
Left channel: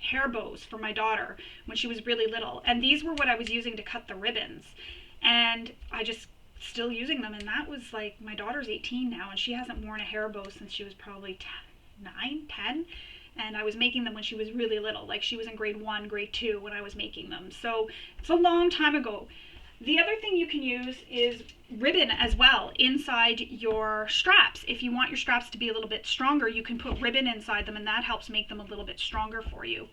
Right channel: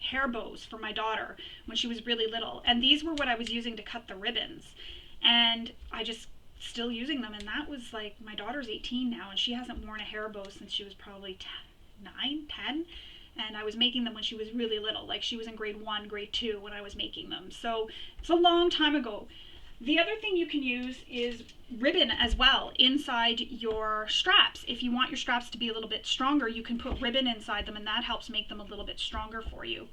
hair bows for my daughter when she was really little, and these were what I was using to cut the ribbons, and I just still using them. And that was like, my daughter's 18 now, and she hasn't worn a hair bow since she was probably 10, and I was making them when she was really little, like she was in grade 1, grade 2 when I was making them. So it's a long time ago. The other thing you can use is ribbon as well inside your straps. If you want your straps to be a little bit stronger, you can put ribbon inside them, and that helps make them a little bit stronger for you.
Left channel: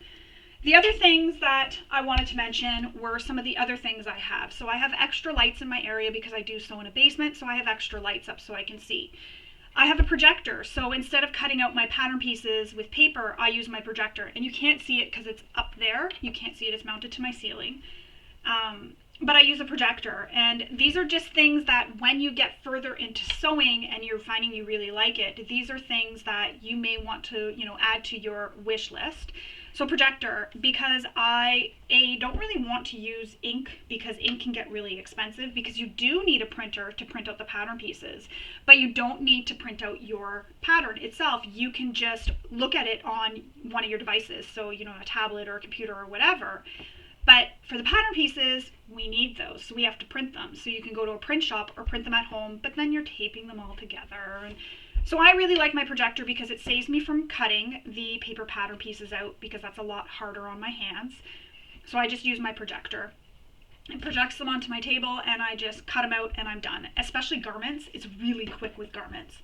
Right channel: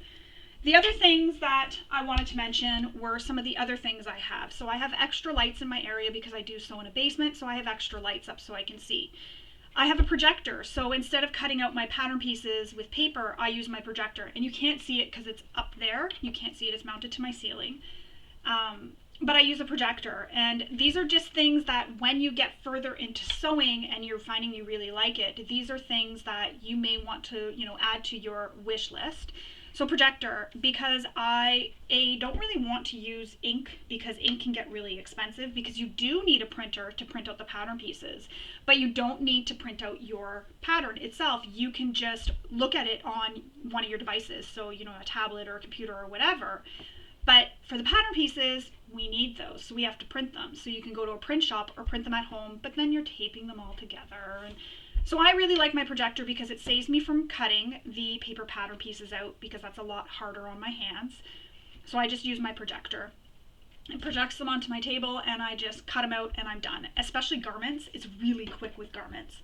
The other things that I wanted to mention were some of the other things I have. So I have extra lights in my area because I do sew in a basement, so I have extra lights up so I can see. I have a projector, so instead of cutting out my pattern pieces with paper, I use my projector. And you can't see it because it's up there. You can't see it, it's mounted to my ceiling. But I use a projector, and these are just things that when you get further into sewing and you're finding you really like it, these are things that you may want to, add to your wish list. So projector, because I don't really want to use ink because ink can get really expensive, because you do need a printer to print out the pattern pieces, but you don't need to print out your pattern itself. You can just look at it on one of your devices, so a tablet or a computer or whatever. But for the pattern pieces, we need those, so we have to print them. So you can go to a print shop or print them at home, but then you're taping them all together. And so I really like my projector because it saves me from cutting the paper pattern pieces out, because that's a lot harder on my hands. So I just use my projector. It projects them onto my table, and I just cut them out and I'm done. Especially garments, it's really quick with garments.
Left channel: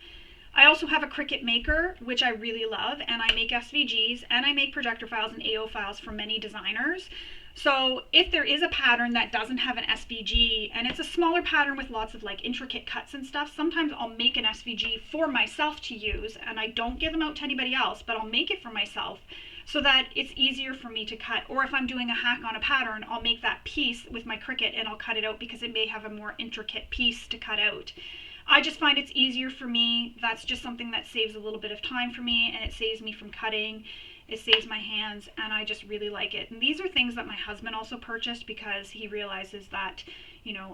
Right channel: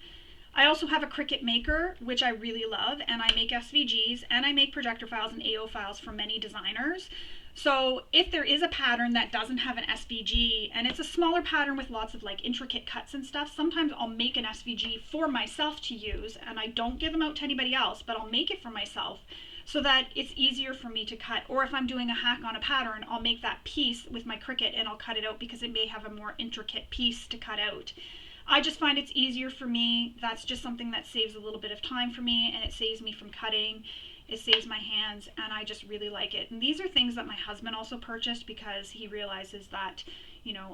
I also have a Cricut maker, which I really love, and I make SVGs and I make projector files and AO files for many designers. So if there is a pattern that doesn't have an SVG, and it's a smaller pattern with lots of like intricate cuts and stuff, sometimes I'll make an SVG for myself to use, and I don't give them out to anybody else, but I'll make it for myself so that it's easier for me to cut. Or if I'm doing a hack on a pattern, I'll make that piece with my Cricut and I'll cut it out because it may have a more intricate piece to cut out. I just find it's easier for me. That's just something that saves a little bit of time for me, and it saves me from cutting. It saves my hands, and I just really like it. And these are things that my husband also purchased because he realizes that,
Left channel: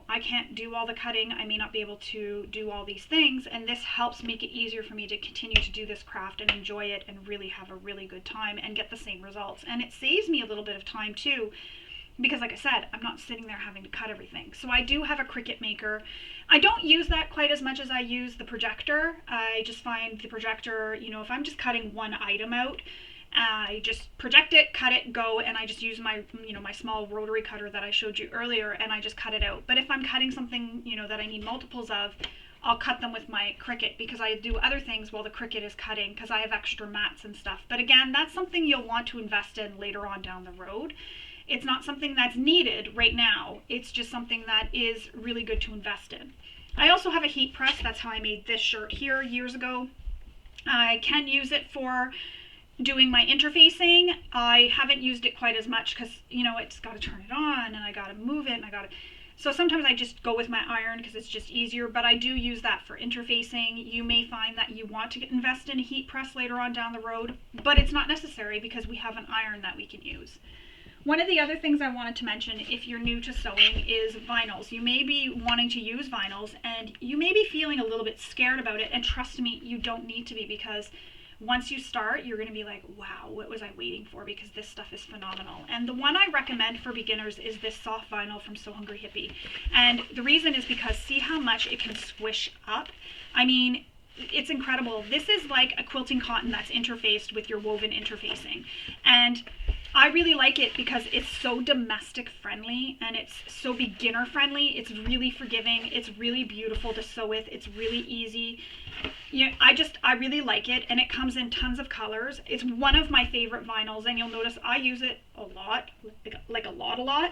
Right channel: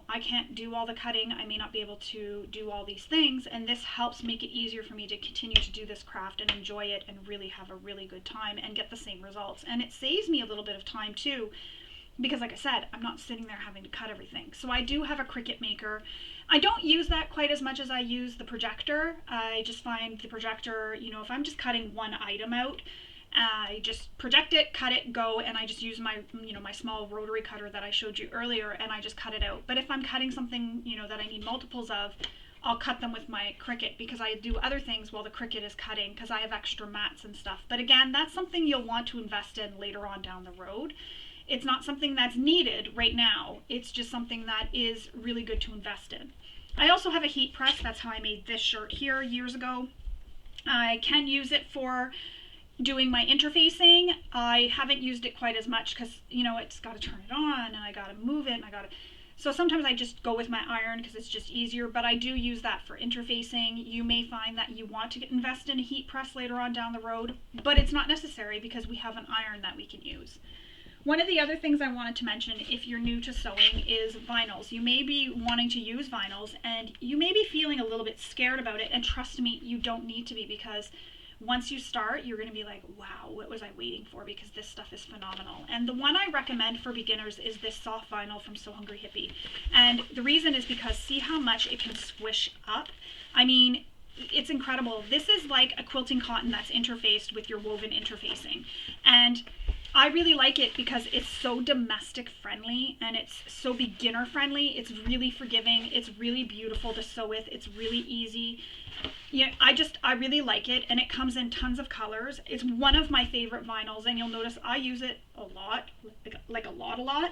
I can't do all the cutting. I may not be able to do all these things, and this helps make it easier for me to continue to do this craft and enjoy it and really have a really good time and get the same results. And it saves me a little bit of time too, because like I said, I'm not sitting there having to cut everything. So I do have a Cricut maker. I don't use that quite as much as I use the projector. I just find the projector, if I'm just cutting one item out, I just project it, cut it, go, and I just use my, my small rotary cutter that I showed you earlier, and I just cut it out. But if I'm cutting something, that I need multiples of, I'll cut them with my Cricut, because I do other things while the Cricut is cutting, because I have extra mats and stuff. But again, that's something you'll want to invest in later on down the road. It's not something that's needed right now. It's just something that is really good to invest in. I also have a heat press. That's how I made this shirt here years ago. I can use it for doing my interfacing. I haven't used it quite as much because, it's got to turn it on and I got to move it and so sometimes I just go with my iron because it's just easier, but I do use that for interfacing. You may find that you want to invest in a heat press later on down the road, but it's not necessary because we have an iron that we can use. One of the other things I wanted to mention, if you're new to sewing, is vinyls. You may be wanting to use vinyls and you may be feeling a little bit scared about it, and trust me, you don't need to be, because once you start, you're going to be like, wow, what was I waiting for? Because this stuff is phenomenal. And the one I recommend for beginners is this soft vinyl from So Hungry Hippie. And the reason is because see how much it can squish up? I mean, it's incredible. This is like a quilting cotton that's interfaced with your woven interfacing. And I really like it because it's so domestic friendly and it's so beginner friendly. It's really forgiving. It's really beautiful to sew with. It's really easy. Yeah, I really like it, and it comes in tons of colors. It's one of my favorite vinyls, and you'll notice I use it a lot, like a lot,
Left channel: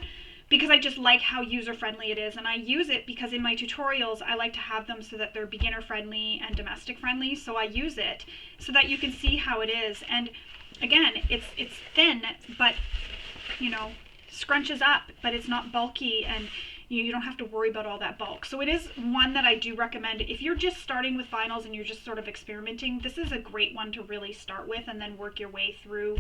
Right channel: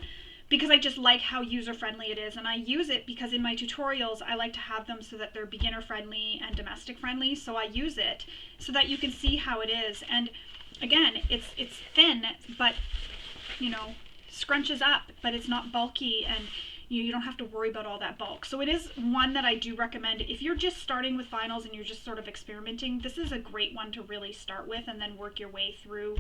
because I just like how user friendly it is. And I use it because in my tutorials I like to have them so that they're beginner friendly and domestic friendly. So I use it so that you can see how it is. And again, it's thin, but scrunches up, but it's not bulky, and you don't have to worry about all that bulk. So it is one that I do recommend. If you're just starting with vinyls and you're just sort of experimenting, this is a great one to really start with and then work your way through.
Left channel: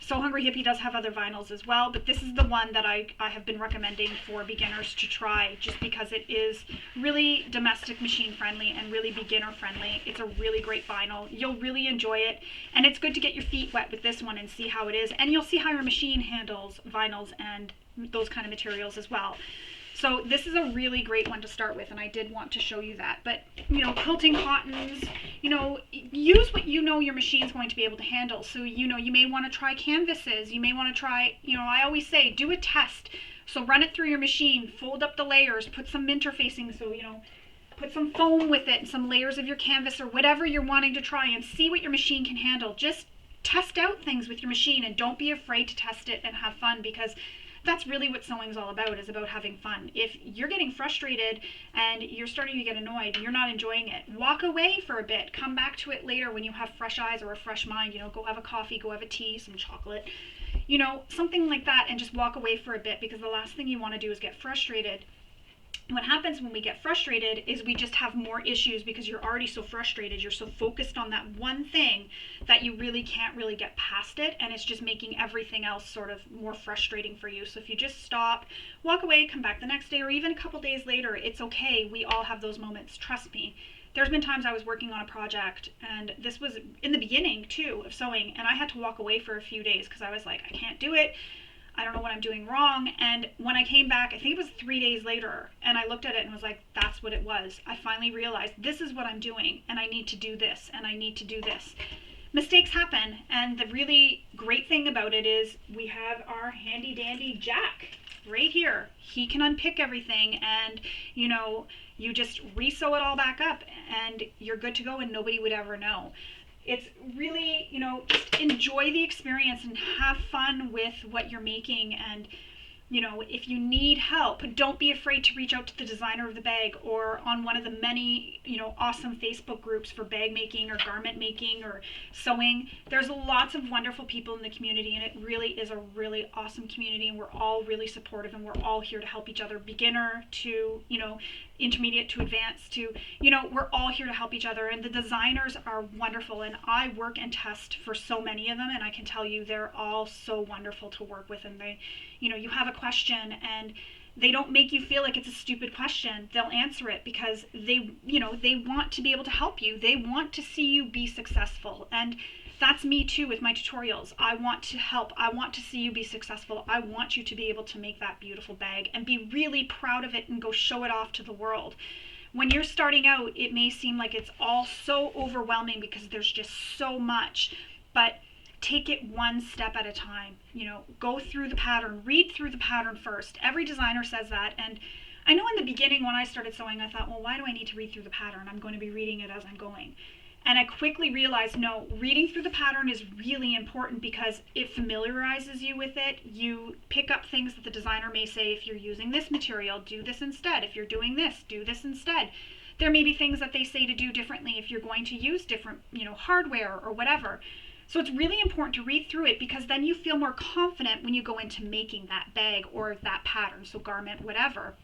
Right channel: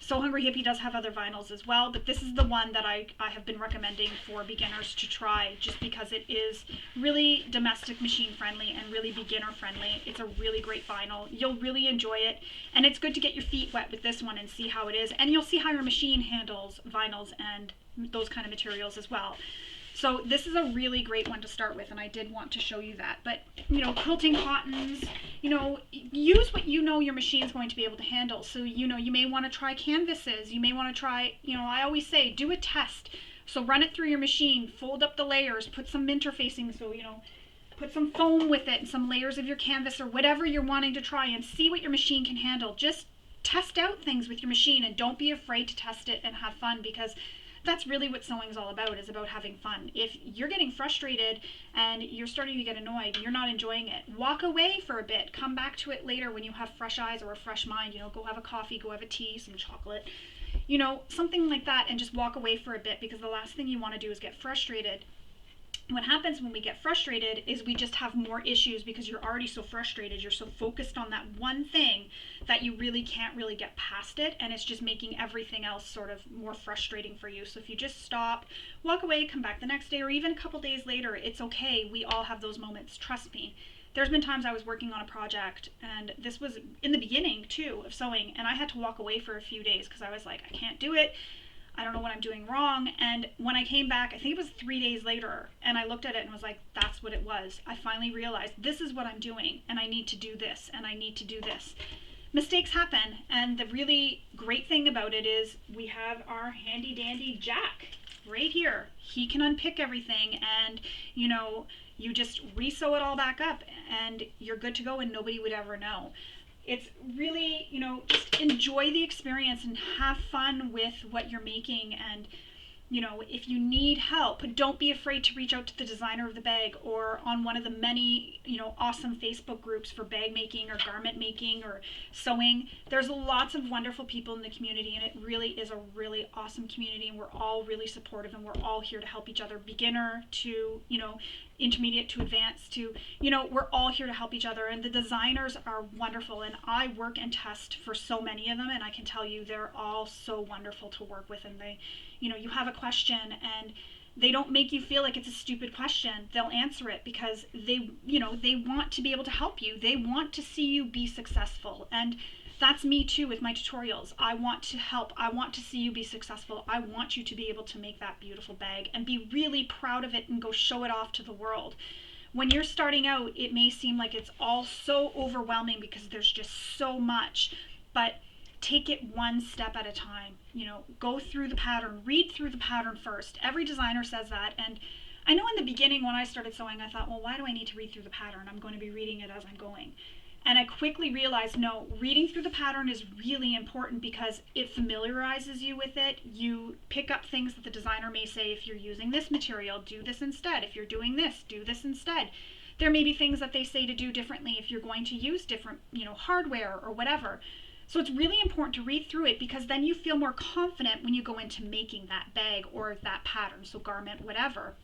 So Hungry Hippie does have other vinyls as well, but this is the one that I have been recommending for beginners to try, just because it is really domestic machine friendly and really beginner friendly. It's a really great vinyl. You'll really enjoy it, and it's good to get your feet wet with this one and see how it is, and you'll see how your machine handles vinyls and those kind of materials as well. So this is a really great one to start with, and I did want to show you that. But, quilting cottons, use what your machine's going to be able to handle. So, you may want to try canvases. You may want to try, I always say, do a test. So run it through your machine, fold up the layers, put some interfacing, so, put some foam with it and some layers of your canvas or whatever you're wanting to try, and see what your machine can handle. Just test out things with your machine, and don't be afraid to test it and have fun, because that's really what sewing is all about, is about having fun. If you're getting frustrated and you're starting to get annoyed and you're not enjoying it, walk away for a bit. Come back to it later when you have fresh eyes or a fresh mind. Go have a coffee, go have a tea, some chocolate, something like that, and just walk away for a bit, because the last thing you want to do is get frustrated. What happens when we get frustrated is we just have more issues, because you're already so frustrated. You're so focused on that one thing that you really can't really get past it, and it's just making everything else sort of more frustrating for you. So if you just stop, walk away, come back the next day or even a couple days later, it's okay. We all have those moments. Trust me. There's been times I was working on a project, and this was in the beginning too of sewing, and I had to walk away for a few days because I was like, I can't do it. I don't know what I'm doing wrong. And when I came back, I think it was 3 days later, and I looked at it and was like, that's what it was. I finally realized this is what I'm doing, and I need to do this, and I need to do this. Mistakes happen, and the really great thing about it is we have our handy dandy Jack right here. He can unpick everything, and you just re-sew it all back up, and you're good to go, and nobody would ever know. It's really, just enjoy the experience and have fun with what you're making. And, if you need help, don't be afraid to reach out to the designer of the bag, or on one of the many, awesome Facebook groups for bag making or garment making or sewing. There's lots of wonderful people in the community, and it really is a really awesome community, and we're all really supportive, and we're all here to help each other, beginner to, intermediate to advanced to, we're all here to help each other. And the designers are wonderful, and I work and test for so many of them, and I can tell you they're all so wonderful to work with. And they, you have a question and they don't make you feel like it's a stupid question. They'll answer it because they want to be able to help you. They want to see you be successful. And that's me too with my tutorials. I want to help. I want to see you be successful. I want you to be able to make that beautiful bag and be really proud of it and go show it off to the world. When you're starting out, it may seem like it's all so overwhelming because there's just so much, but take it one step at a time. Go through the pattern, read through the pattern first. Every designer says that. And I know in the beginning when I started sewing, I thought, well, why do I need to read through the pattern? I'm going to be reading it as I'm going. And I quickly realized, no, reading through the pattern is really important because it familiarizes you with it. You pick up things that the designer may say. If you're using this material, do this instead. If you're doing this, do this instead. There may be things that they say to do differently if you're going to use different, hardware or whatever. So it's really important to read through it because then you feel more confident when you go into making that bag or that pattern, so garment, whatever.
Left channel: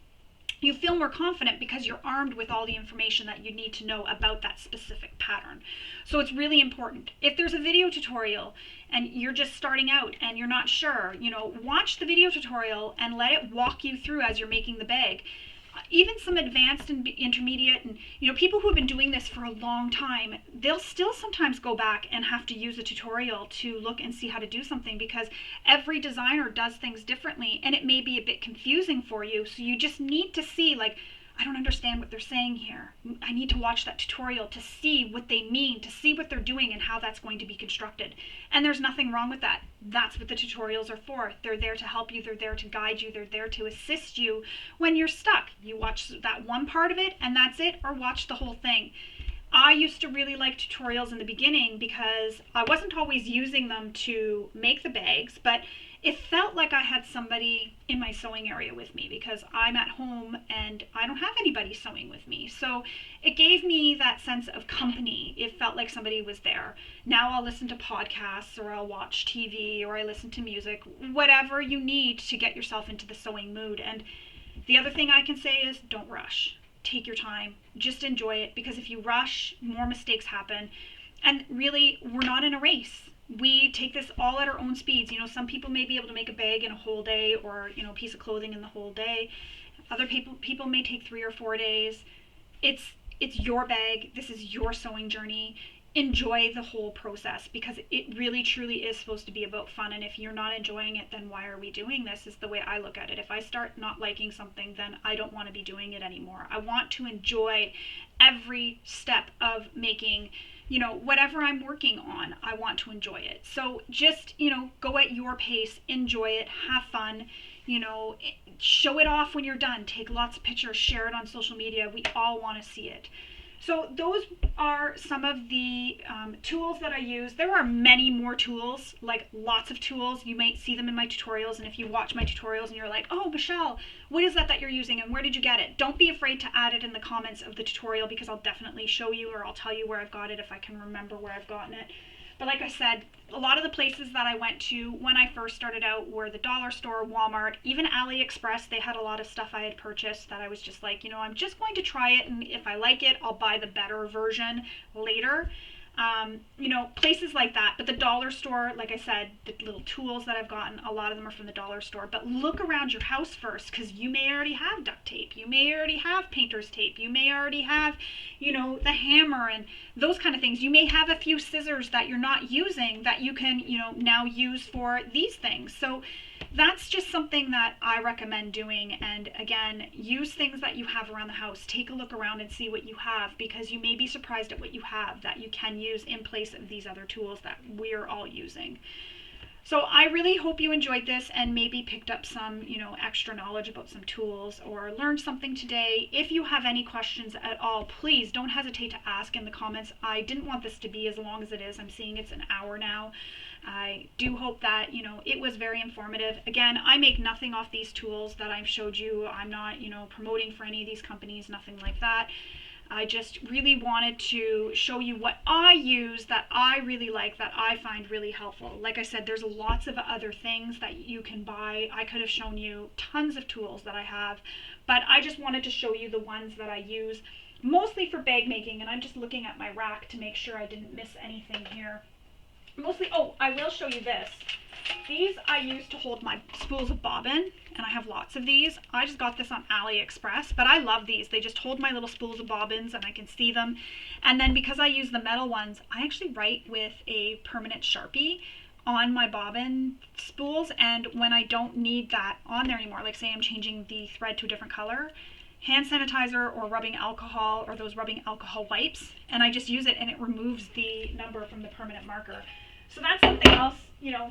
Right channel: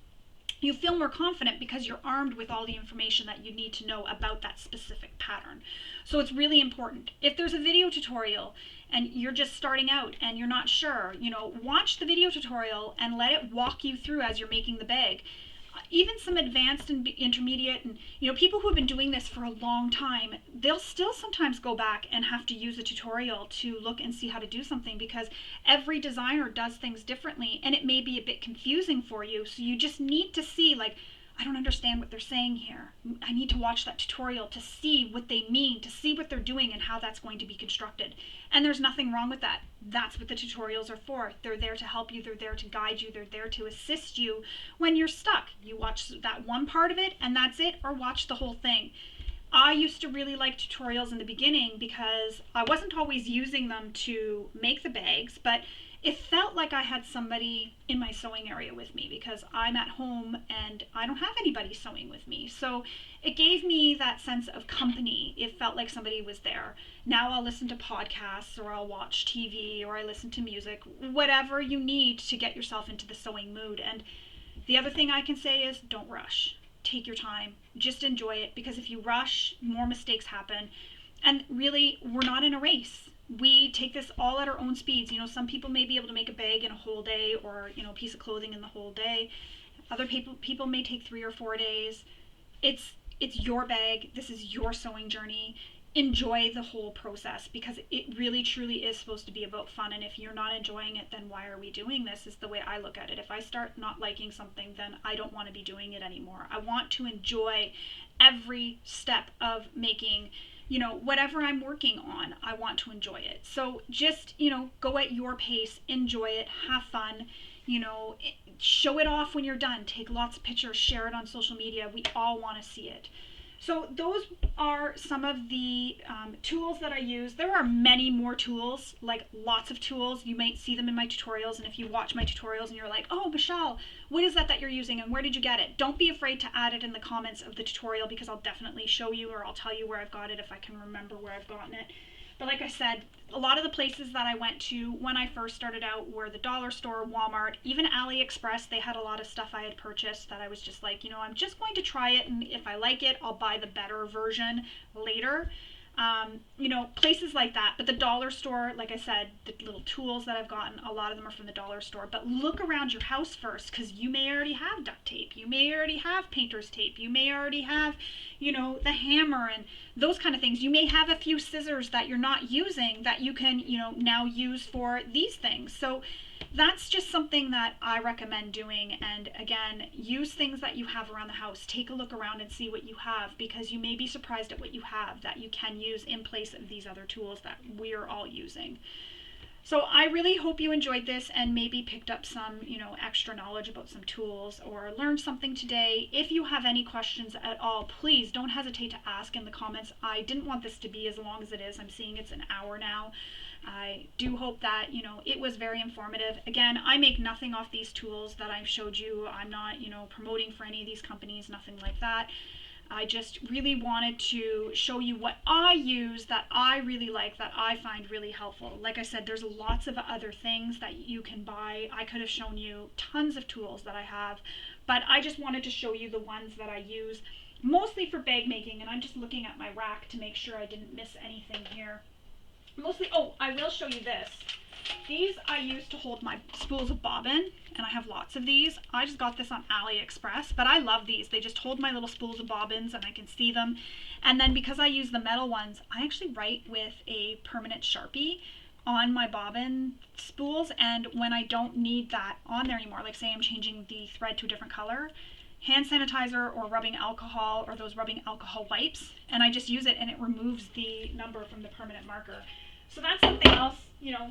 You feel more confident because you're armed with all the information that you need to know about that specific pattern. So it's really important. If there's a video tutorial and you're just starting out and you're not sure, watch the video tutorial and let it walk you through as you're making the bag. Even some advanced and intermediate and people who have been doing this for a long time, they'll still sometimes go back and have to use a tutorial to look and see how to do something because every designer does things differently and it may be a bit confusing for you. So you just need to see, like, I don't understand what they're saying here. I need to watch that tutorial to see what they mean, to see what they're doing and how that's going to be constructed. And there's nothing wrong with that. That's what the tutorials are for. They're there to help you, they're there to guide you, they're there to assist you when you're stuck. You watch that one part of it and that's it, or watch the whole thing. I used to really like tutorials in the beginning because I wasn't always using them to make the bags, but it felt like I had somebody in my sewing area with me because I'm at home and I don't have anybody sewing with me. So it gave me that sense of company. It felt like somebody was there. Now I'll listen to podcasts or I'll watch TV or I listen to music, whatever you need to get yourself into the sewing mood. And the other thing I can say is don't rush. Take your time. Just enjoy it, because if you rush, more mistakes happen. And really, we're not in a race. We take this all at our own speeds. Some people may be able to make a bag in a whole day, or a piece of clothing in the whole day. Other people may take 3 or 4 days. It's your bag. This is your sewing journey. Enjoy the whole process, because it really truly is supposed to be about fun. And if you're not enjoying it, then why are we doing this, is the way I look at it. If I start not liking something, then I don't want to be doing it anymore. I want to enjoy every step of making whatever I'm working on. I want to enjoy it. So just go at your pace, enjoy it, have fun, show it off when you're done, take lots of pictures, share it on social media. We all want to see it. So those are some of the tools that I use. There are many more tools, like lots of tools. You might see them in my tutorials, and if you watch my tutorials and you're like, oh, Michelle, what is that you're using and where did you get it? Don't be afraid to add it in the comments of the tutorial, because I'll definitely show you, or I'll tell you where I've got it if I can remember where I've gotten it. But like I said, a lot of the places that I went to when I first started out were the dollar store, Walmart, even AliExpress. They had a lot of stuff I had purchased that I was just like, I'm just going to try it, and if I like it, I'll buy the better version later. Places like that. But the dollar store, like I said, the little tools that I've gotten, a lot of them are from the dollar store. But look around your house first, because you may already have duct tape. You may already have painter's tape. You may already have, the hammer and those kind of things. You may have a few scissors that you're not using that you can, now use for these things. So that's just something that I recommend doing. And again, use things that you have around the house. Take a look around and see what you have, because you may be surprised at what you have that you can use in place of these other tools that we're all using. So I really hope you enjoyed this and maybe picked up some, extra knowledge about some tools, or learned something today. If you have any questions at all, please don't hesitate to ask in the comments. I didn't want this to be as long as it is. I'm seeing it's an hour now. I do hope that, it was very informative. Again, I make nothing off these tools that I've showed you. I'm not, promoting for any of these companies, nothing like that. I just really wanted to show you what I use that I really like, that I find really helpful. Like I said, there's lots of other things that you can buy. I could have shown you tons of tools that I have, but I just wanted to show you the ones that I use mostly for bag making. And I'm just looking at my rack to make sure I didn't miss anything here. Mostly, I will show you this. These I use to hold my spools of bobbin, and I have lots of these. I just got this on AliExpress, but I love these. They just hold my little spools of bobbins and I can see them. And then because I use the metal ones, I actually write with a permanent Sharpie on my bobbin spools, and when I don't need that on there anymore, like say I'm changing the thread to a different color, hand sanitizer or rubbing alcohol, or those rubbing alcohol wipes, and I just use it and it removes the number from the permanent marker. So that's something else,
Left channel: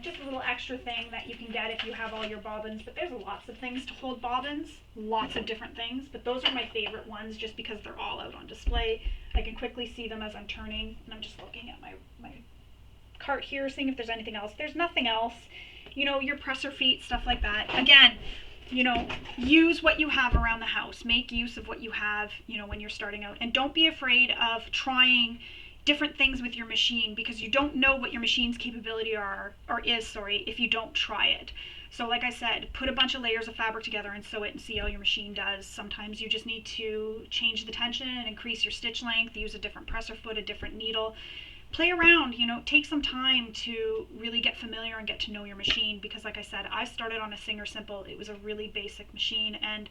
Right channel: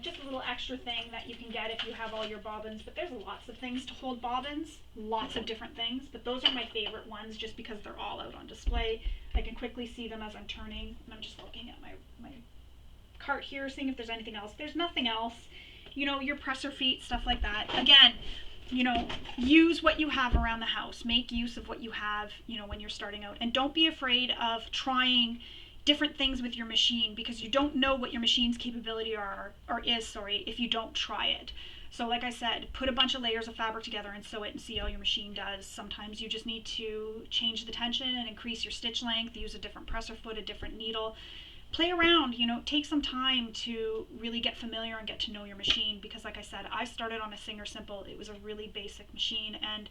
just a little extra thing that you can get if you have all your bobbins. But there's lots of things to hold bobbins, lots of different things, but those are my favorite ones just because they're all out on display. I can quickly see them as I'm turning, and I'm just looking at my cart here, seeing if there's anything else. There's nothing else. Your presser feet, stuff like that. Again, use what you have around the house. Make use of what you have, when you're starting out. And don't be afraid of trying different things with your machine, because you don't know what your machine's capability is if you don't try it. So like I said, put a bunch of layers of fabric together and sew it and see how your machine does. Sometimes you just need to change the tension and increase your stitch length, use a different presser foot, a different needle. Play around, take some time to really get familiar and get to know your machine, because like I said, I started on a Singer Simple. It was a really basic machine, and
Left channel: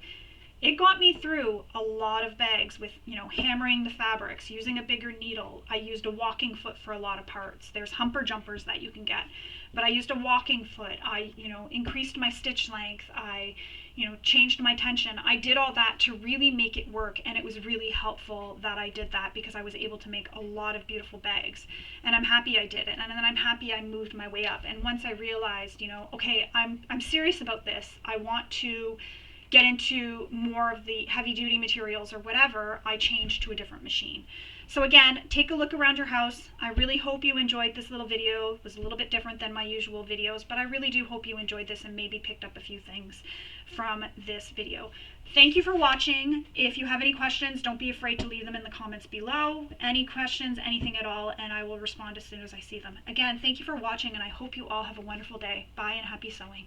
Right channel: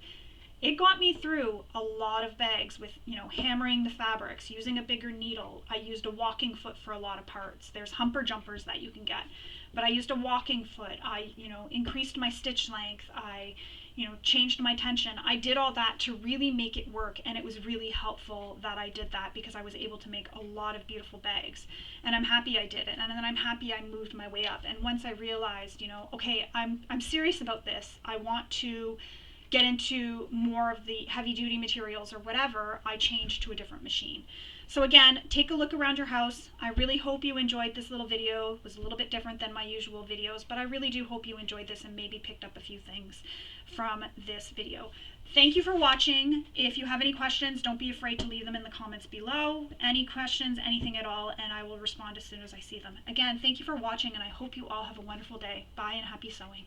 it got me through a lot of bags with, hammering the fabrics, using a bigger needle. I used a walking foot for a lot of parts. There's humper jumpers that you can get, but I used a walking foot. I, increased my stitch length. I, changed my tension. I did all that to really make it work, and it was really helpful that I did that because I was able to make a lot of beautiful bags, and I'm happy I did it. And then I'm happy I moved my way up. And once I realized, okay, I'm serious about this. I want to get into more of the heavy duty materials or whatever, I changed to a different machine. So again, take a look around your house. I really hope you enjoyed this little video. It was a little bit different than my usual videos, but I really do hope you enjoyed this and maybe picked up a few things from this video. Thank you for watching. If you have any questions, don't be afraid to leave them in the comments below. Any questions, anything at all, and I will respond as soon as I see them. Again, thank you for watching, and I hope you all have a wonderful day. Bye and happy sewing.